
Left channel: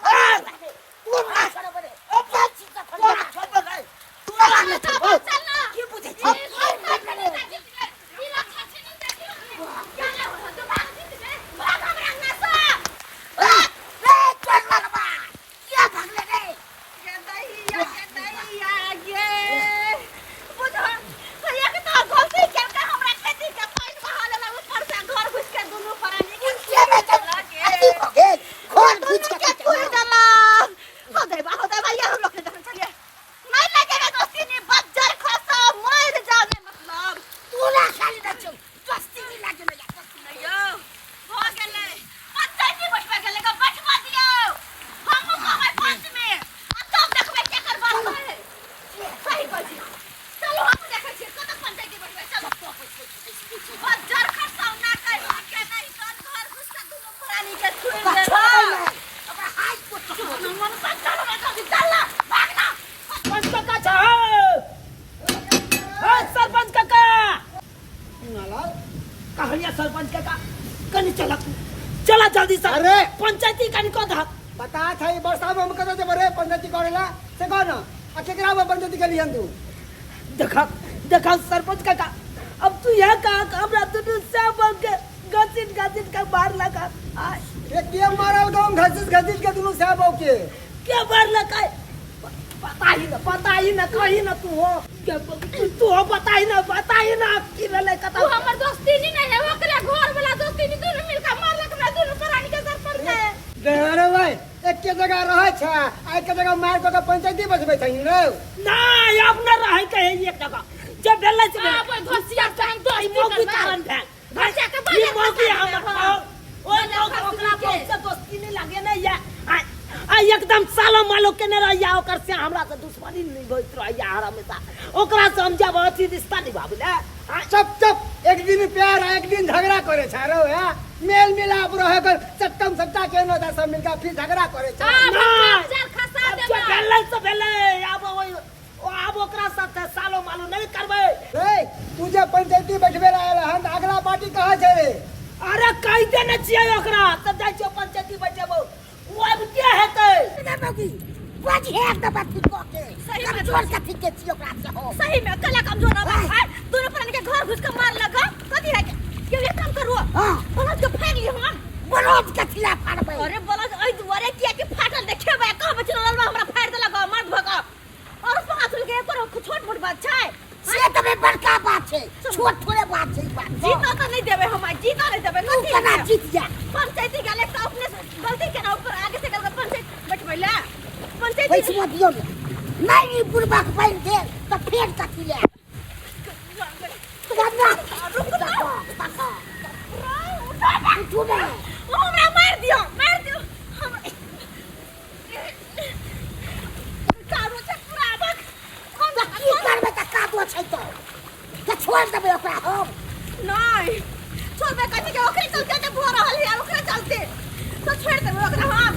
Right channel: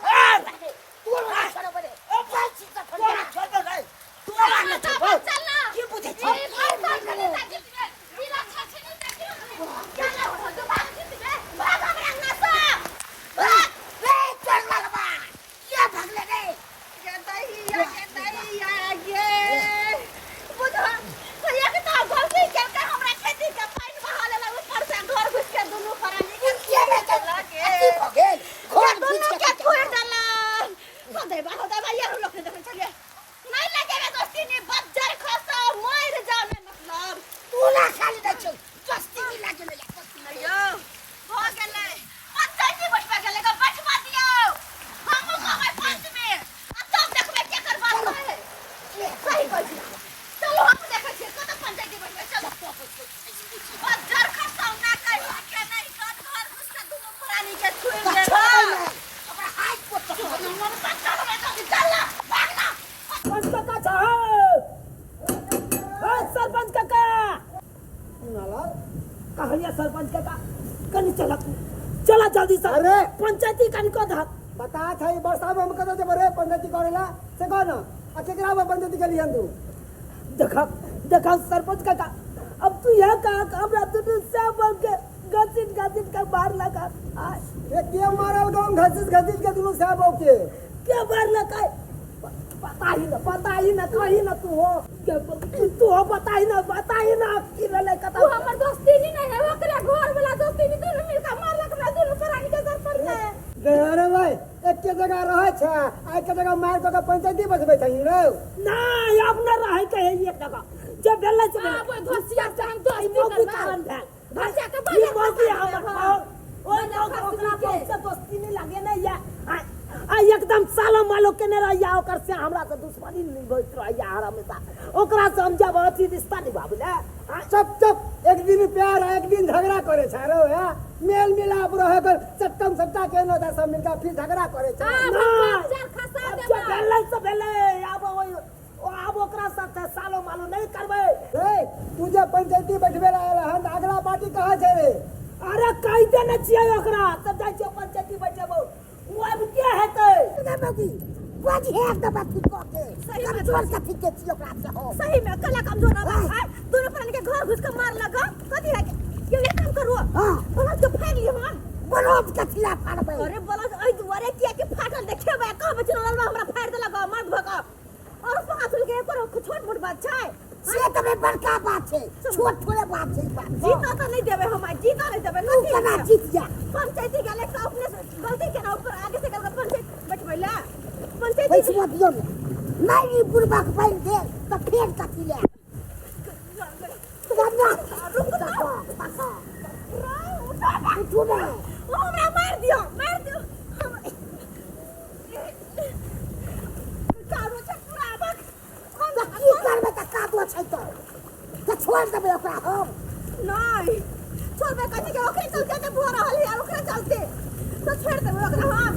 तू ना छोड़ बरे ओ बात तोरा छोड़ नहीं तोरा नहीं छोड़ चल ना की बुझे छी घर साथ करे इला छछे नहीं देखियो चल हो तो बात भाग हमरा ना सा रे चल लगबा क्या भागले रे ये बुझो भैया के तो गलती कर के हमरा खेती के पानी बहा लेला ऊपर से घर घुस के दोनों फरानी के क्या में चला के हो गेल घर घुस के कोई डाला होदे भैया हम लोग के जब चलिए नहीं लगेगा दोस्ती नहीं बच जाए खसा मर जाने मतलब तू ना खाली न चल दोस्ती नहीं लागे नहीं यो हो गेले पंचायत की बटवा गेले का बटवा दियो हम को भाई पंच में अब तब देखबे के कर बात है सही बोल दिया चलो हम देखे छे कत पंचायत की बटवा चलो बस जर खसा ना कहीं के नहीं कौन घर घुस के दोनों प्राणी के छुए देला अब हाथ को तो मन पंचा में तो चला भागना सरपंच काका जाओ हां सरपंच काका नाला कहां सरपंच काका कनी चला जल्दी से अरे! पंचायती कनी को धक बता था ये वर्षा में हम कतो जे बरे पंचायती करेला से कोन आ केकरा में पंचायती के लिए तू देखा सरपंच काका अब तू यहाँ कहा हमरा दुनू सब के गचिन का बार लगा ये के मारल गांव घसीस के दुनु से बाऊ के क्या बार लगा पता ही ना कहीं ना तू हो तू हो बता ही ना कि ले कता तू हमर दोस्ती नहीं है ओकरा घर वाला दोस्ती नहीं दोनों मिलके मारलक ना दोनों प्राणी के सरपंच है अरे भाई एक के जगह रहे छ आ के जगह मार को पंचायती बसबे छै रे ना अब ना रहे कहे एक जगह जब बेला से हां भाई घसिया टाइम तो ही मौकी कारण है घसिया के ये मौकी बाजे हमर ओ ओकरा से दोस्ती नहीं लगे ना या आ एकदम सालो मालो के ने रहिया ओकर से हमरा से दुश्मनी नहीं होइत रहिया हमेशा ओकरा से हम जब अथी रिश्ता निभाबले चुप एक दिन प्यार एक दिन झगड़ा करे छ रे है मेल मिलाप रहे कर चट्टम सट्टा के न दा सब मिलके फिर झगड़ा करे छ जर खसा दे बेलन से बेले अब वही अब ओकरा साथ सालो मालो नहीं करबे रे तुझे पंचायती बैठबे रहल हन अगला पार्टी कहां छै रे अरे कहते न छियै ओकरा तब जाय छियै पंचायती बैठेबो वो अब क्या हेतै ना बाकी बाजी है एक दफा ठीक को के सही में जोर से ठीक के छियो ओकरा से हो सही में कला कमजोर ना है दोनों प्राणी के घर घुस के मार लगा कथी है क्यों ये काम करो हां बलद के फेंक लियो हम बरोज के खिलाफ फाड़बे अरे बलद ओइ दुआरे किया के फाटल देखेबे कहबे चलल हमरा फाड़ देलक मर्द भगा और पाछुल के पर छोट मोट बात छै से तबे बड़का बात छै छोट थोड़े बात छै बात जीता तो नहीं देबे हम जीता नहीं देबे तू केना जीत जा पंचायती गले से अपने गलती के ना ऊपर आगे से गलत पंचायत बैठबैला पंचायती पैसा दियो नहीं बुरबा पाइन दे तो फेर कथि ले करना रुक जा तू ना हमरा मार दियो कारो से पूरा बक हम की करबे त काटो छै तो छोड़ देबे ओकरा हम नहीं छोड़बे कथी के ओकरे चलते ते बुआ रहल यार ओकरे चलते तो छोड़ देबे ओकरा हम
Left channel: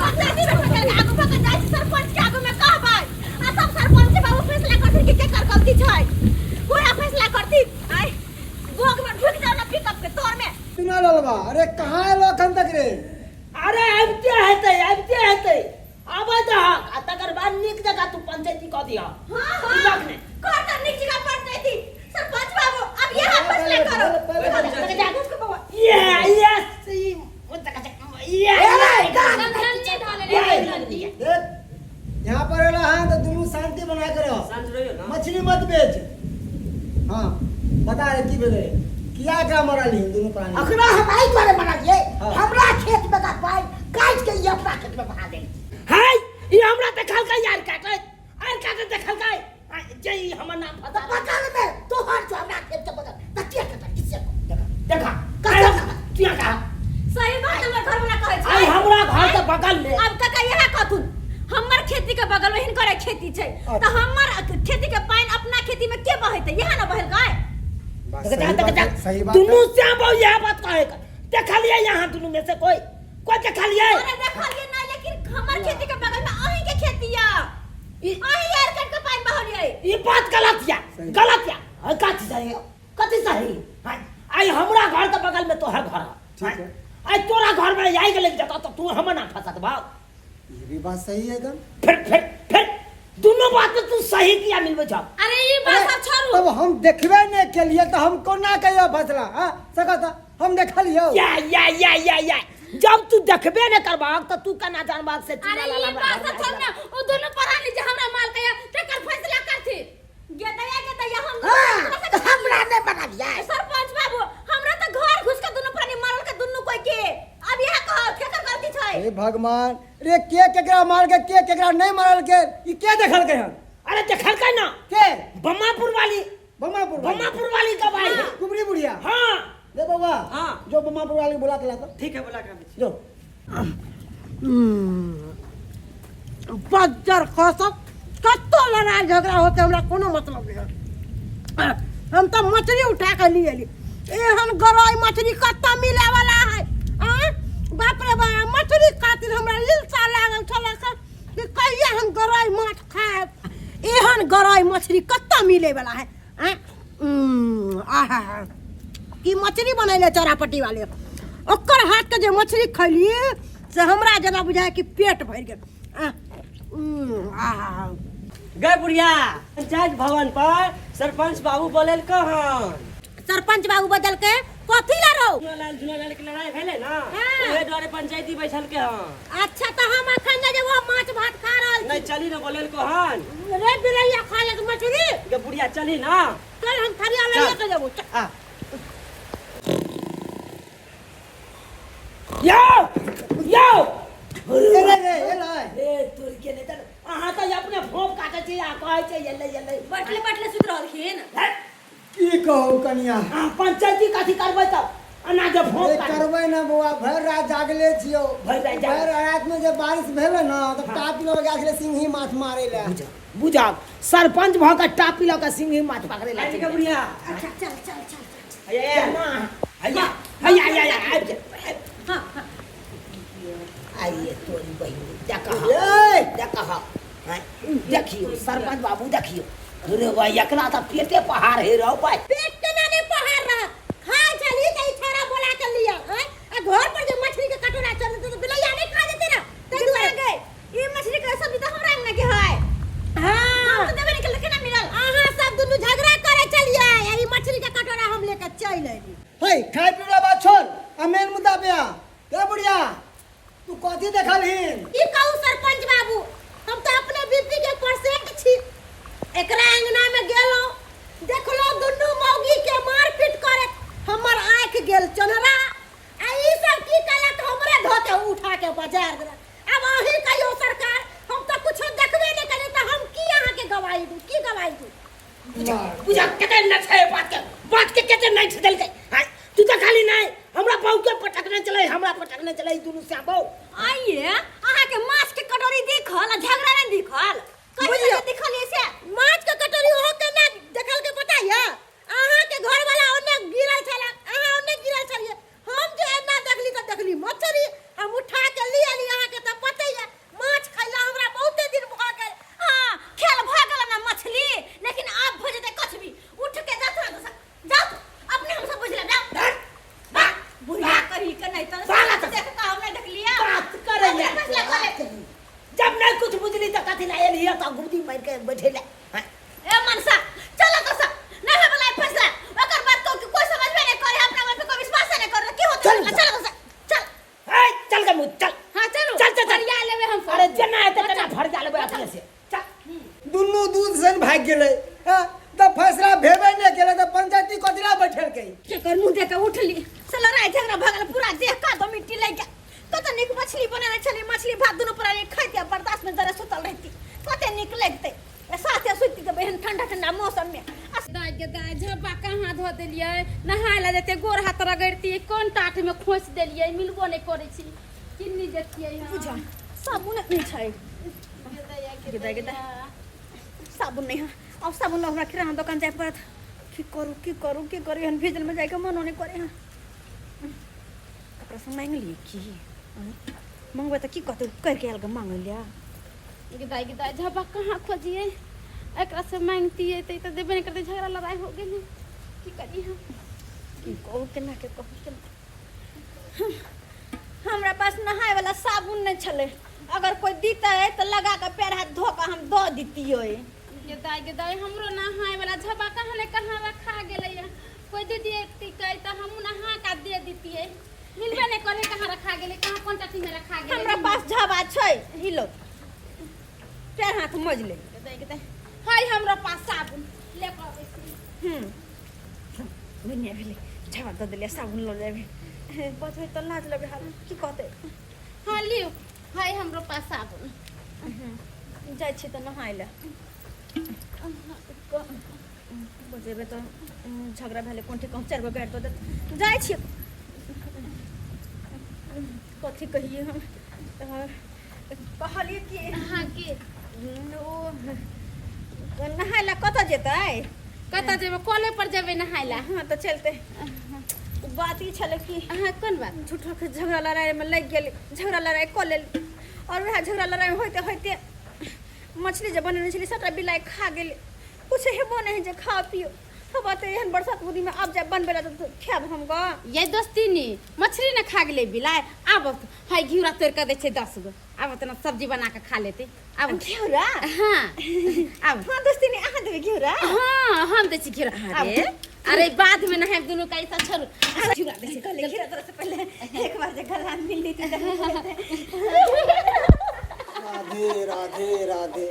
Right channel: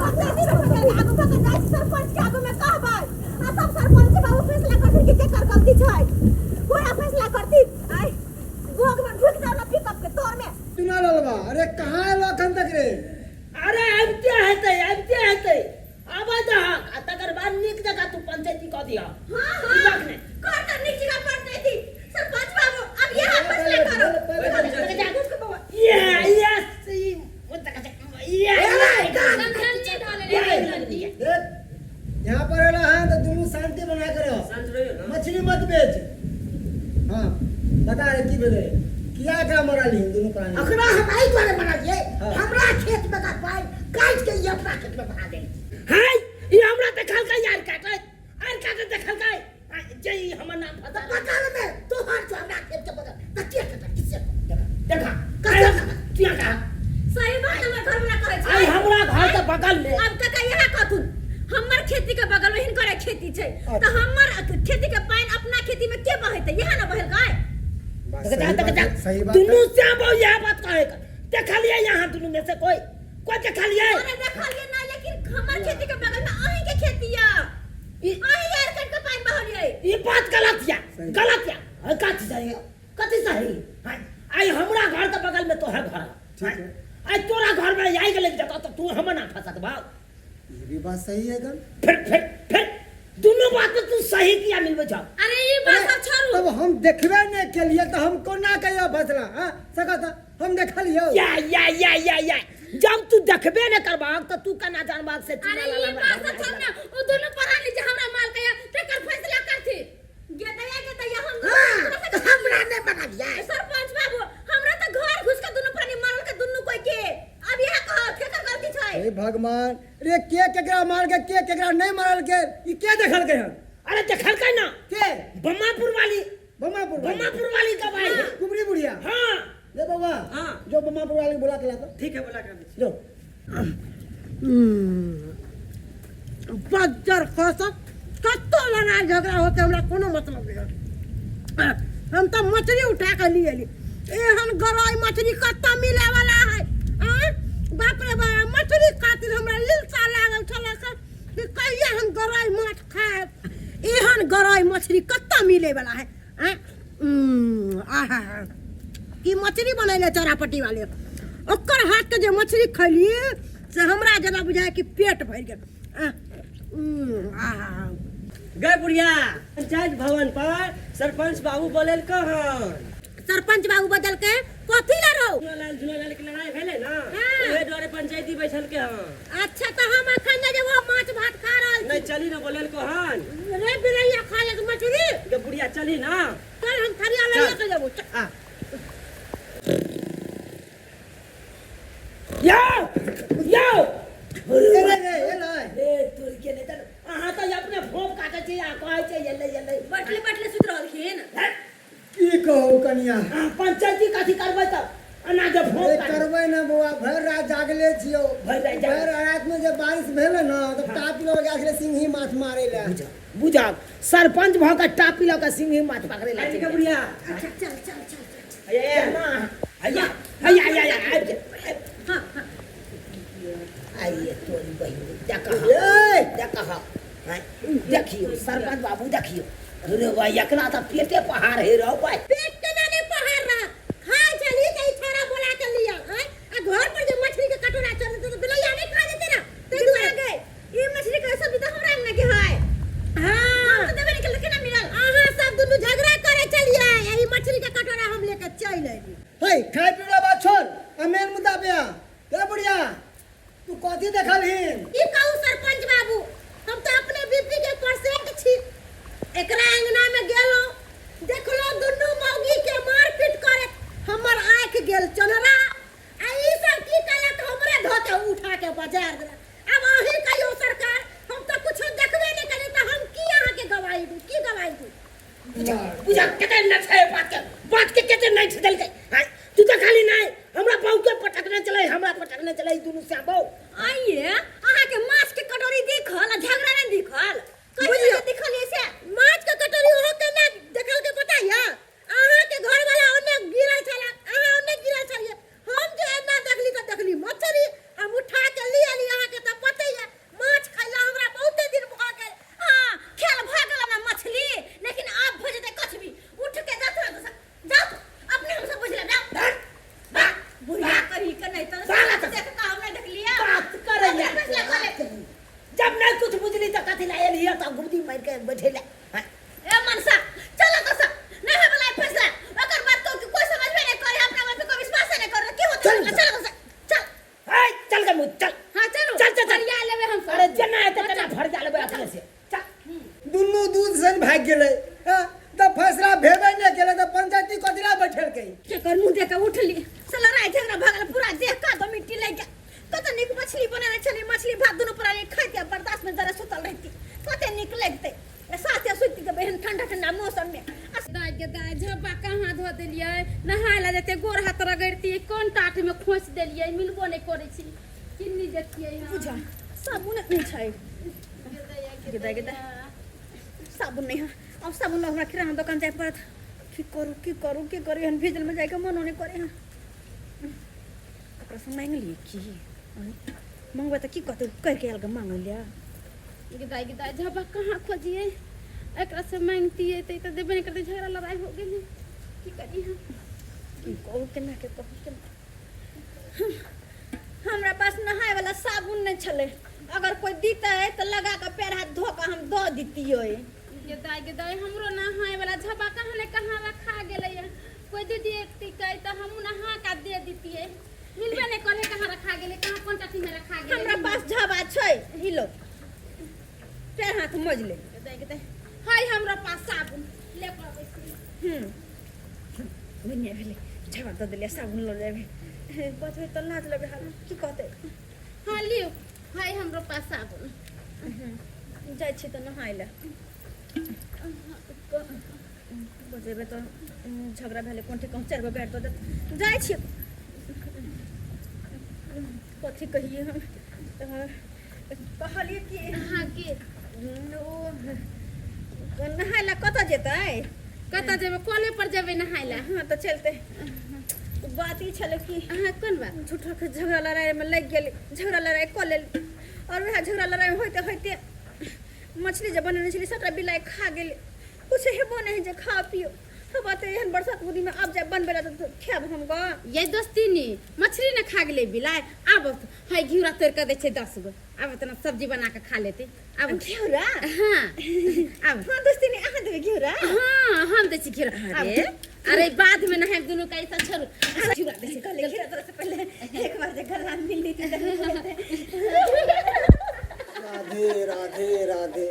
पंचायती में पकड़ आगू पकड़ जाय सरपंच के आगू में कहबै आ सब सरपंच बाबू फैसला करथि कि केकर गलती छै पूरा फैसला करथि आई गोग में ढुक जाओ ना पिकअप के तोर में सुना ललबा अरे कहां है लखन तक रे अरे अब क्या हेतै आबे दहक आ तकर बाद नीक जगह तू पंचायती क दिया हां ने कर कर नीचे का पंचायती सरपंच बाबू अब यहां फैसला करो ये सही ये देख यहाँ पर एला है तो दोनों शांति बना के रहो शांत रहियो ना मछली मत बेच हाँ बता रे की भेले किया का मरल ही दोनों प्राणी अखरा हमारी द्वारा बना दिए हाँ। हमरा खेत में का पाइन काट के ये अपना खेत में बना दे है ये हमरा देखल का यार काटे देखल का जई हमर नाम तो पता पता में तो हर जो हमरा खेत के बगल तकिया के किससे देखा क्या कहा सही बात है घर में ना कहै छै आई हमरा घर के बगल में अब काका यहां कहथुन हमर खेती के बगल में हिनकर खेती छै तो हमर खेती के पानी अपना खेती में के बहैते यहां ना बहल गाय सही बात दुनू श्याम बाबू यह बात कहे देखलिए यहाँ दुनू में से कोई देखलिए अरे देखलिए ना लेकिन हमर खेती के बगल में अहीं के खेती या अहीं यार कट के पानी बहलिए ये बात गलत या कथी सही आई हमरा घर के बगल में तो है घर ठीक है आज तोरा घर में आई गेले जता तो तू हम ना फंसत भाव। ये भी बात सही है एकदम। फिर दोनों बात में तू सही किया मिलबे जाओ। अरे ये बात सब छोड़ू। तब हम देखबे नहीं के लिए तो हमको ना कहियो फसला हां सकता हम देखलियो। या जब तू देखबे न करबाग तो तू कना जानबाग से अरे ये बात सब छोड़ ना। वो दोनों परानी जे हमरा माल कया तेकर फैसला करथि। गेतया हम हमरा ने बना दिया। सरपंच बाबू हमरा तो घर घुस के दोनों प्राणी मारल के दोनों कोई के अब यह कह केकर गलती छै। हे भगवान रे के केकरा मार के केकरा नहीं मारल के ई के देखल के हम। अरे देखल का ना के बम्मापुर वाली गवाही है। कुबरी बुढ़िया। हां ले बाबा हाँ। जो बम्मापुर वाली बुला के ला तो ठीक है बुला कर जो बज्जर खसत कत्तो लड़ाई झगड़ा होते हमरा कोनो मतलब नहीं। हम तो मछली उठा के लिए ली एहन गरई मछली कत्ता मिले वाला है। बाप रे बाप मछली खातिर हमरा इल्सा लागल छले कि कहिया हम गरई माछ खाएब। एहन गरई मछली कत्ता मिले वाला है। आहा की मछली बनैले चौरापट्टी वाले ओकर हाथ के जे मछली खैली से हमरा जना बुझाय कि पेट भर गेल। गए बुढ़िया पंचायत भवन पर सरपंच बाबू बोले कहन सरपंच बाबू बदल के कथी ला रहो। झूलालाल के लड़ाई भेले ना हाँ। ओहे द्वारे पंचायती बैठल के हन। अच्छा तो हम अखन जे वो माछ भात खा रहल नहीं चली ना बोले कहन छी रे बिरैया खा ले मछली के बुढ़िया चली ना। चल हम थरिया ले चल। के जाबो। आ यो ए तोर के नहीं त अहाँ तो अपने भोप काटे छी आ कहै छै यल्ले बटले सुत रहलखिन। की कहू कनिया पंचायती कथी करबै तब अना जे भोप ए काटे करबै ना बौआ भर रात जागले छियो। भरि रात जागले। भर रात में जब बारिश भेले ना तो टापी लोग गेल छले सिंही माछ मारे ले। बुझाओ सरपंच भ के टापी ल के सिंही माछ पकड़े ला के बुढ़िया अच्छा चल ये हैया आबि जा। हां आइए तोरी बहिनी देखा ए देखियो सरपंच बाबू देखियो रे भाई एकरा त पेटे पहाड़ हे रहो भाई। पेट के नाने पहाड़ रहा खाए चली त छोरा बोला के लिया हैं आ घर पर जो मछली के कटोरा चल तो बिलैया नहीं खा देते ना ते दुआरे गए ई मछली के सब्जी तो हमरा अंगना के है। हां हम तो देबे निकल के ना मिलल आहा सब दुनु झगड़ा करे चलिए ई मछली के कटोरा हम लेके चल आइली। हे खाए पीला बात छोड़ आ मेन मुद्दा पे आ। ए बुढ़िया तू कथी देखलहिन। ई कहू सरपंच बाबू हम तो अपने बीपी के परसेंट छी एकरा अंगना में गेलो देखलो दुनु मौगी के मारपीट करे हमर आंख गेल चनरा आ ई सब की कलक हमरे धोते उठा के बाजार देला। अब अही कहियो सरकार हम तो कुछ देखबे नहीं करे त हम की अहाँ के गवाही दू की गवाही दू। बुझा केते न छै बात के केते नहीं छदल के हां तू त खाली नहीं हमरा बहु के पटकने चले हमरा पटकने चले दुनु से बहु आइए अहाँ के माछ के कटोरी देखल झगड़ा नहीं देखल कहियो देखल से माछ के कटोरी हो के ना देखल के पता है अहाँ के घर वाला ओने गिरल छला अहाँ ओने गिरल छलिए हम जे ना देखली मछली हम उठा के ले आली अहाँ के त पता है माछ खैला हमरा बहुते दिन भ गेल। हां खेल भ गेल ना मछली लेकिन अब भ जते कछबी उठ के जाओ अपने हम सब बुझ ले जाओ बुढ़ा करी के नहीं त साला देख का हम नहीं देख लिया बात करे जब नहीं कुछ बुझली त कथी ला एली त गुदी मार के बैठेला। ए मनसा चलो तो सब नहीं है वाला फैसला अगर बात को कोई समझ में नहीं करे अपना मन पे कोई विश्वास नहीं कर की होता है चलो तो चल ए चल के मुझ चल हां चलो चल फरिया लेवे हम अरे जना है तना भर जा लेबे अपने से चल दुनु दूध सन भाग गेले त फैसला भेबे नहीं केले त पंचायती कदिला बैठल के के कर मुंह देके उठली साला राय झगड़ा भगल पूरा देह का दो मिट्टी लग गया कत निक मछली बनाने चली मछली भात दोनों पर खाते बर्दाश्त में जरा सुतल रहती कते निक लगते साथे सुती के बहन ठंडा ठंडा मौसम में दाई झब्बा कहाँ धो देलियै नहाय ला जेते गोर हाथ रगड़ती कोन टाट में खोस देलियै मिलबो नहीं करे छी किन्नी देखियै बुझा साबुन नहीं छै गेदा साबुन नहीं है अब साबुन हमरा किराना दुकान जाय पड़त की करू हन भेजल में जाके मनो नहीं करे हां ककरा से मांग ली की मंगवा त की कहते करके अलग मांग लिया दाई झब्बा कहाँ खोजिए एकरा से मांगती है तो देबे नहीं करते झगड़ा लड़ाई हो गेल की करी हम की कहू केना के कहू केना हमरा पास नहाए वाला साबुन नहीं छले। अगर कोई दीता है तो लगा के पैर हाथ धो के हम दो दीतिए। ये दाई हमरो नहाए वाला झबा कहाँ ने कहाँ रखा गेलै है। कोई दीदी एक कहे तो हम नहा का दे दीतिए। मिलबे नहीं करे कहाँ रखा गेलै, कहाँ कौन टाटी में रखा गेलै। हमरा पास झबा छै, ही लो पैर हाथ मज ले। हाय हमरा पास साबुन ले के आबै। दुनिया भेले झबा दे देले साबुन लो लेबे। बचबे तो लाज लगे हाल की कहते। हाँ लियो, हाय हमरो पास साबुन। जाय छी तो नहाय ले। बचबे तो झगड़ा भेले कोनठे कहूँ 4 गो बैठ दो जाय छी। कथी कहिए हम कहलिए कि हाँ की ओ नहाय ला कत जेतै। कतऽ जेबै, कॉले पर जेबै नहाय ला। हाँ तो चलते। बात ई छले कि हाँ कौन बात। झूठा के झगड़ा लड़ाई में लग गेल, झगड़ा लड़ाई कर लेल और वह झगड़ा लड़ाई में होते होते मछली जब बने छली सबटा बिलाई खा गेल। कुछ हेबो नहीं जे खा पियो। अब तो एहन बरसात बुदी में अब जब बनबे तो खाब हम ग। ये दोस्ती नी मछली न खा गेले बिलाय। अब हाय घिउरा तोड़ के दे छै 10 गो। अब तना सब्जी बना के खा लेते। अब घिउरा हाँ अब हाँ दोस्ती ने आहा देबे घिउरा। हाँ हम दे छी घिउरा। अरे बाद में नहाए दोनों का ऐसा छोड़ घिउरा दे छी कल घिउरा तरह से पहले एक बार जे गला मिल ली थी। राधे राधे राधे।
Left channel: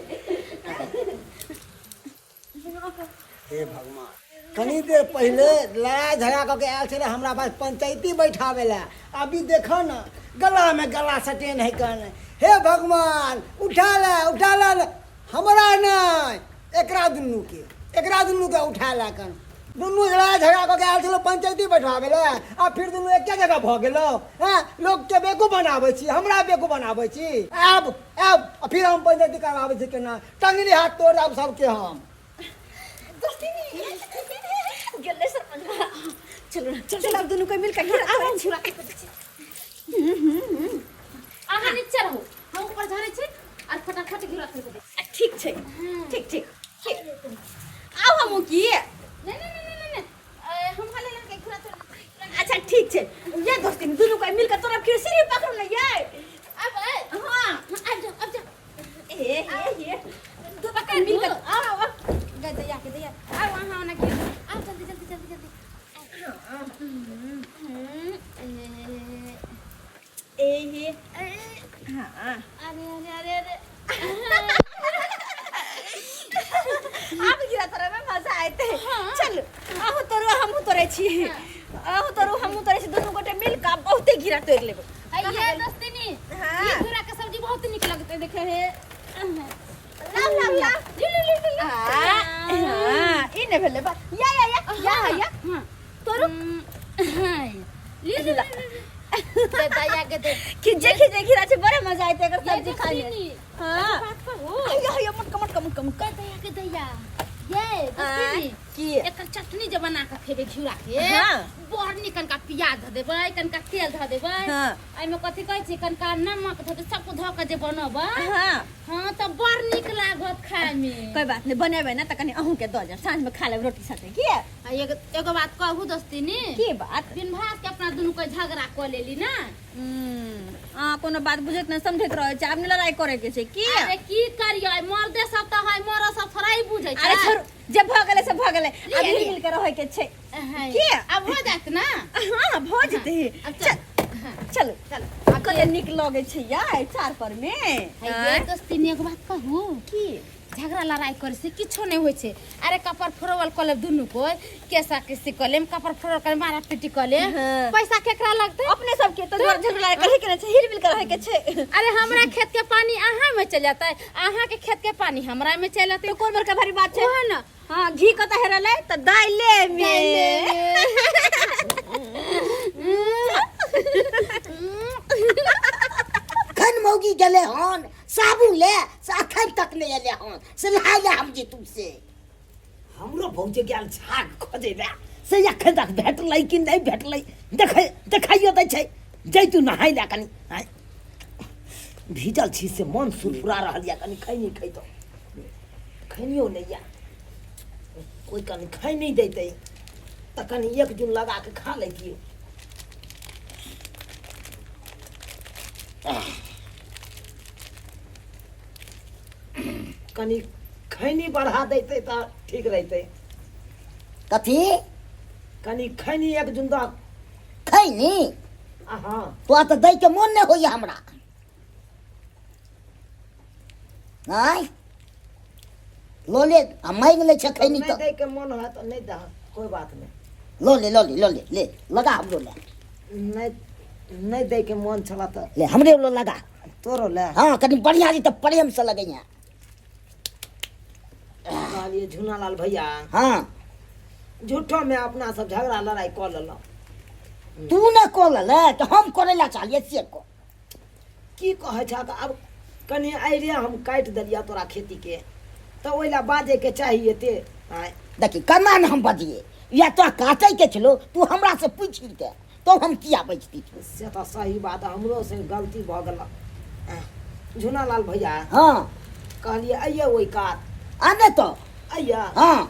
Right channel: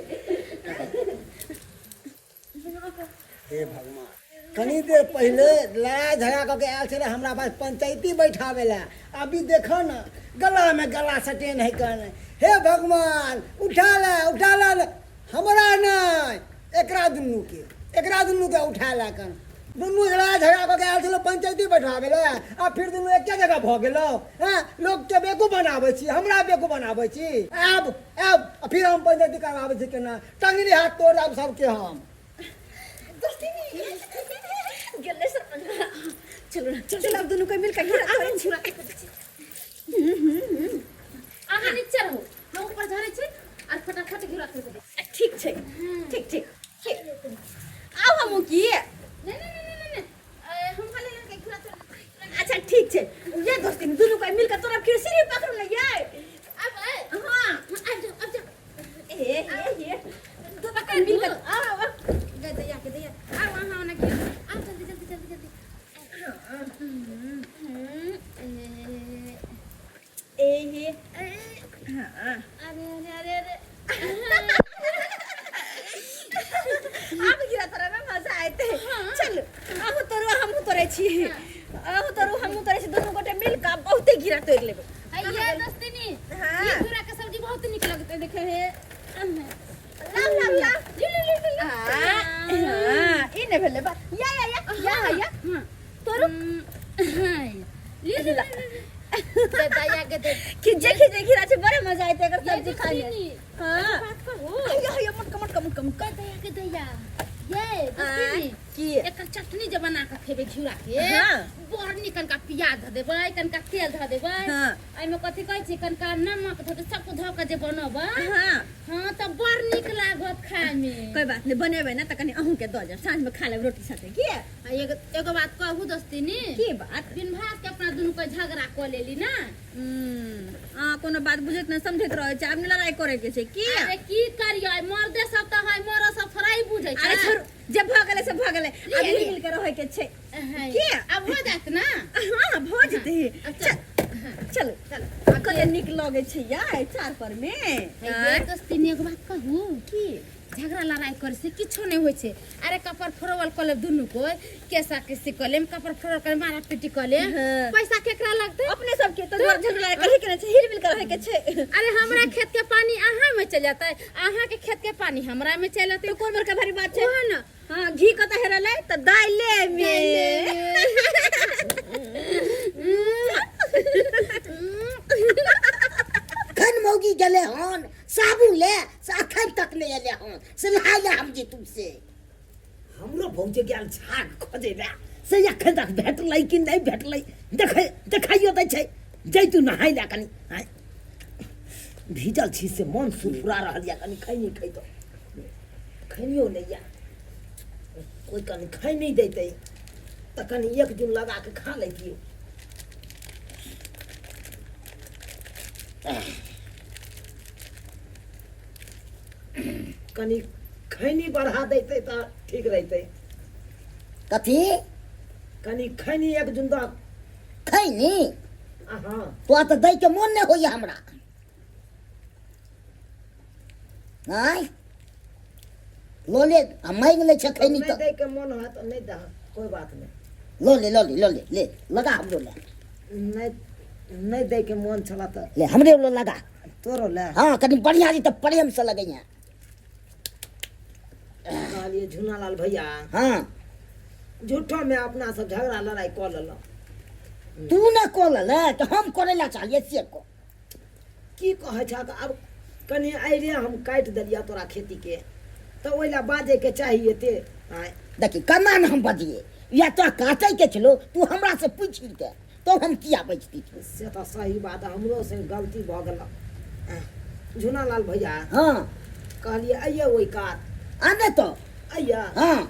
हे भगवान, कनी देर पहले लड़ाई झगड़ा करके आयल छे हमरा पास पंचायती बैठावे ला। अभी देखो ना गला में गला सटे नहीं करने। हे भगवान उठा ला हमरा नहीं एकरा दुनू के उठा ला कर। दुनू लड़ाई झगड़ा करके आयल छे पंचायती बैठावे ला। आ फिर दुनू एक जगह भ गेलो। हैं लोग के बेकूफ बनावे छी, हमरा बेकूफ बनावे छी। अब फिर हम पंचायती करवावे छी केना। टंगरी हाथ तोड़ अब सबके हम। दोस्ती ने गेले सरपंच। चलो ना चल अब दोनों को मिल के घिउरा तोड़ छी। आहा नीचे रहो, हम ऊपर झाड़े छी और फटाफट घिउरा तोड़ दे। ठीक छै ठीक। आउ हम की नहीं हम खाली लड़के घिउरा तोड़। अच्छा ठीक छै। ये दोस्ती ने दोनों को मिल के तोरा फिर सीढ़ी पकड़ ले ये। अब हां अब जा ये तो पकड़ मिल के आओ गदया अब वहां ना घिउरा। आ जल्दी ए हां अरे अब गिरा तोरा में मजा आते। चल आहु तोरो हमहु तोरे छी। आहु तोरो हमहु तोरे छी दोनों गोटे मिल के बहुते गिरा तोड़ लेबे। ये दोस्ती नी हाँ। ये घिउरा के सब्जी बहुत निक लगते देखे है। ला हां इने भेले बा या तोरो ले दया के दे खिजे गिरा छे बड़े मजा आते अगर सब्जी खा ले। हां बात करो या मटका दया के दया। ये दोस्ती की एक चटनी जे बना के खेबे घिउरा के। हाँ। बड़ निकन का प्याज ध देबै, कनका तेल ध देबै। हाँ। एमे कथि कहै छी कनका नमक ध दे, सब ध के जे बनबै। हां हां त बड़ निक लागत खाए में। कोई बात नहीं बनेबे ना त कनी अहू के द जा सांझ में खा लेब रोटी साथे की। एगो बात कहू दोस्ती नी की बात बिन भात के अपना दुनू को झगड़ा क लेली ना। कोनो बात बुझत न समझत रहे छै। आब लड़ाई करे के छै की। अरे की करियै मर्दे सब त है, मोरा सब थोड़ा ही बुझै छै। अरे छोड़ जे भ गेले से भ गेले। अब मिल के रहे के छै की। अब हो जात ना। हां भ जेते। चल कते निक लगे छै यार चार पर में। ये दोस्ती ने एगो बात कहू की झगड़ा लड़ाई करे से किछो नहीं होय छै। अरे कपर फोरवल कले दुनू को केसा किसी कलेम कपर फोरवल करे मारा पीटी कले। हाँ। पैसा केकरा लगते अपने सब के तो झगड़ा करे के छै, हिल मिल के रहे के छै। अरे हमरा खेत के पानी अहाँ में चल जाता है, अहाँ के खेत के पानी हमरा में चल जाता तो कौन बड़का भारी बात छै। है ना। हां घी कत हेरले त दाइले में। खन मौगी गले हन साबुन ले से अखन तक ले ले हन से नहाय ले हम जी तुमसे। हमरो भौजे गेल झाग खोजेबे से अखन तक भेटलै कि नहीं भेटलै देखाइयो दै छै। जैतू नहाय ले कनी भीजल छी से मन सुरफुरा रहल या कनी खै नहीं खैतो खैनियो नहीं या कोई कनी खै नहीं देतै त कनी एक दिन लगा के खा लैतियो। कनी खैनी बढ़ा देते तो ठीक रहते। कथी कनी खैनी एक जुंदा। खैनी हाँ तो दै के मन नहीं होइए हमरा। नहीं लो ले मांग ले छे खैनी नहीं तो दे के मन है तो नहीं दे, कोई बात नहीं। लो ले ले लगा हमरो ले। नहीं दे के मन चला तो ले हमरे लो लगा। तोरो ले। हाँ कनी बढ़िया जी तो प्रेम से लगे यहाँ। कहलिए झूनालाल भैया हाँ झूठो में अपना सब झगड़ा लड़ाई कर लेलो। तू न कोल ले तो हम करे ला चाहिए से को। की कहे छ अब कनी आइरे हम काट दिलिया तोरा खेती के तो ओइला बाजे के चाहिए ते। देखी कना न हम बजिए या तो काटे के चलो तू हमरा से पूछ के तो हम किया बजती थी। से तो सही बात हमरो से गलती भ गेल। झूनालाल भैया हाँ कहलिए आइए ओइ कात आने तो आइए। हाँ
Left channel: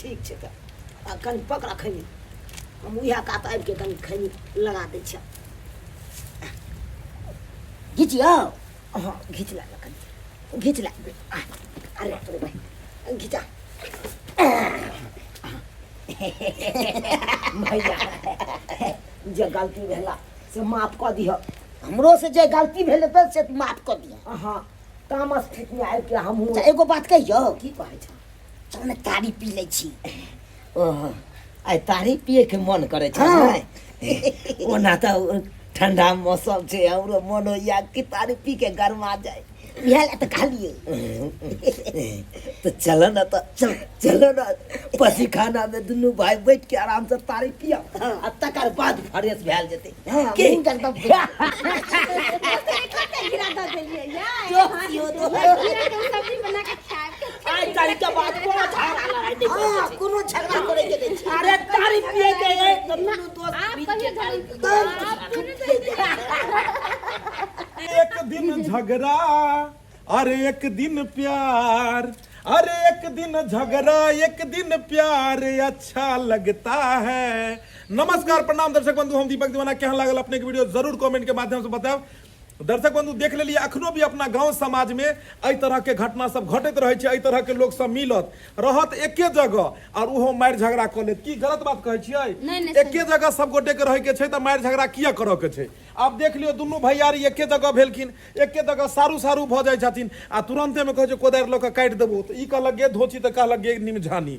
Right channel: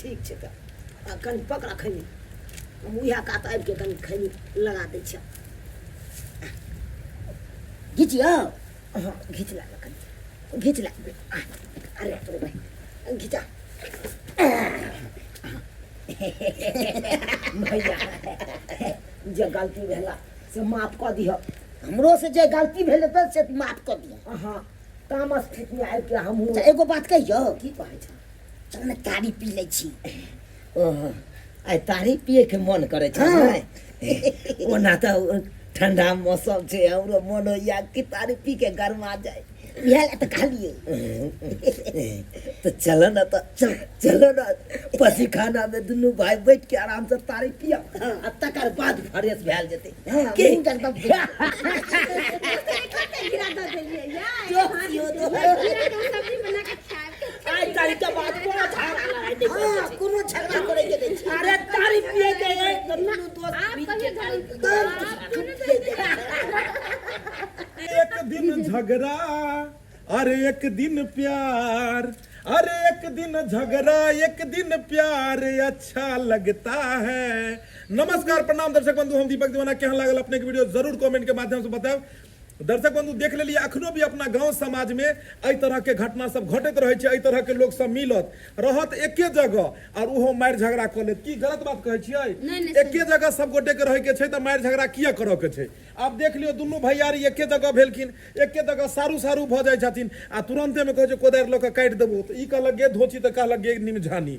ठीक छै त कनी पकड़ा खैनी हम उहा कात आबि के कनी खैनी लगा दै छ। घिचियो हाँ घीच ला कनी घीच ला। अरे अरे भाई घिचा। भैया जे गलती भेला से माफ कऽ दिह। हमरो से जे गलती भेले तो से तू माफ कर दिया। हाँ तामस खेत में आबि के हमहूँ अच्छा एगो बात कहियो की कहै छ चल न तारी पी ले छी। ओह आइ तारी पिए के मन करे छ हाँ। ओना तो ठंडा मौसम छे हमरो मन होइया कि तारी पी के गरमा जाए। इहे ला तो कहलिए तो चलो ना तो चलो ना पसी खाना में दुनू भाई बैठ के आराम से तारी पिया आ तकर बाद फ्रेश भेल जेते। हाँ की? मुंह एकदम सब्जी बना के खाए आई तारी के बाद कोनो झगड़ा लड़ाई नहीं हाँ करते। कोनो झगड़ा करे के नहीं छी। अरे तारी पिए के एक दुनू दोस्त मिल के तारी एक दिन झगड़ा अरे एक दिन प्यार, अरे एक दिन झगड़ा एक दिन प्यार अच्छा लगता है। नमस्कार प्रणाम दर्शक बंधु, हम दीपक दीवाना। केहन लागल अपने के वीडियो जरूर कमेंट के माध्यम से बताओ। दर्शक बंधु देख लेलिए अखनो भी अपना गांव समाज में एहि तरह के घटना सब घटैत रहे छै। एहि तरह के लोग सब मिलत रहत एके जगह और उहो मारि झगड़ा क लेत। की गलत बात कहै छियै? एके जगह सब गोटे के रहे के छै त मारि झगड़ा किया करऽ के छै? आब देख लियो दुनू भैयारी एके जगह भेलखिन, एके जगह सारू सारू भ जाइ छथिन आ तुरंते में कहै छै कोदारि लऽ के काटि देबो त ई कहलक गे धोची त कहलक गे निमझानी।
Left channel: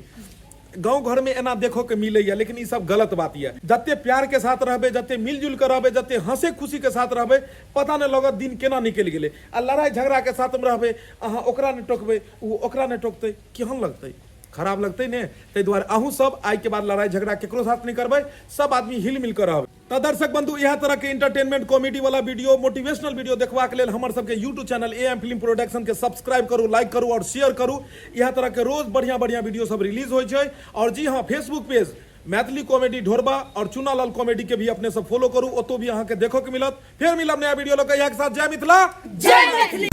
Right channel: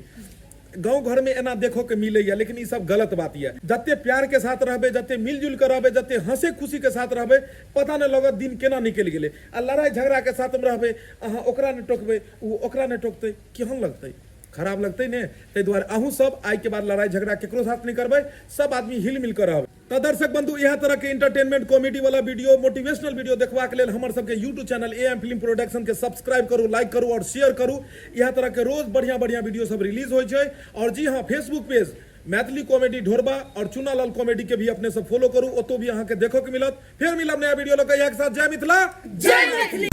गांव घर में एना देखो के मिलैया, लेकिन ई सब गलत बात है। जते प्यार के साथ रहबे, जते मिलजुल के रहबे, जते हंसे खुशी के साथ रहबे, पता नहीं लगत दिन केना निकल गेले। आ लड़ाई झगड़ा के साथ में रहबे, अहाँ ओकरा ने टोकबे उ ओकरा ने टोकते, केहन लगते? खराब लगते ने। ताहि दुआरे अहूँ सब आई के बाद लड़ाई झगड़ा केकरो साथ नहीं करबे, सब आदमी हिल मिल कर रहबे। तो दर्शक बंधु यह तरह के इंटरटेनमेंट कॉमेडी वाला वीडियो, मोटिवेशनल वीडियो देखवा के लेल हमर सबके YouTube channel am film production के सब्सक्राइब करू, लाइक करू और शेयर करू। यह तरह के रोज बढ़िया बढ़िया वीडियो सब रिलीज हो छै। और जी हाँ, फेसबुक पेज मैथिली कॉमेडी ढोरबा और चुनालाल कॉमेडी के भी अपने सब फॉलो करू, ओतो भी अहाँ के देखो के मिलत। फिर मिलब नया वीडियो लग के साथ। जय मिथिला, जय मैथिली।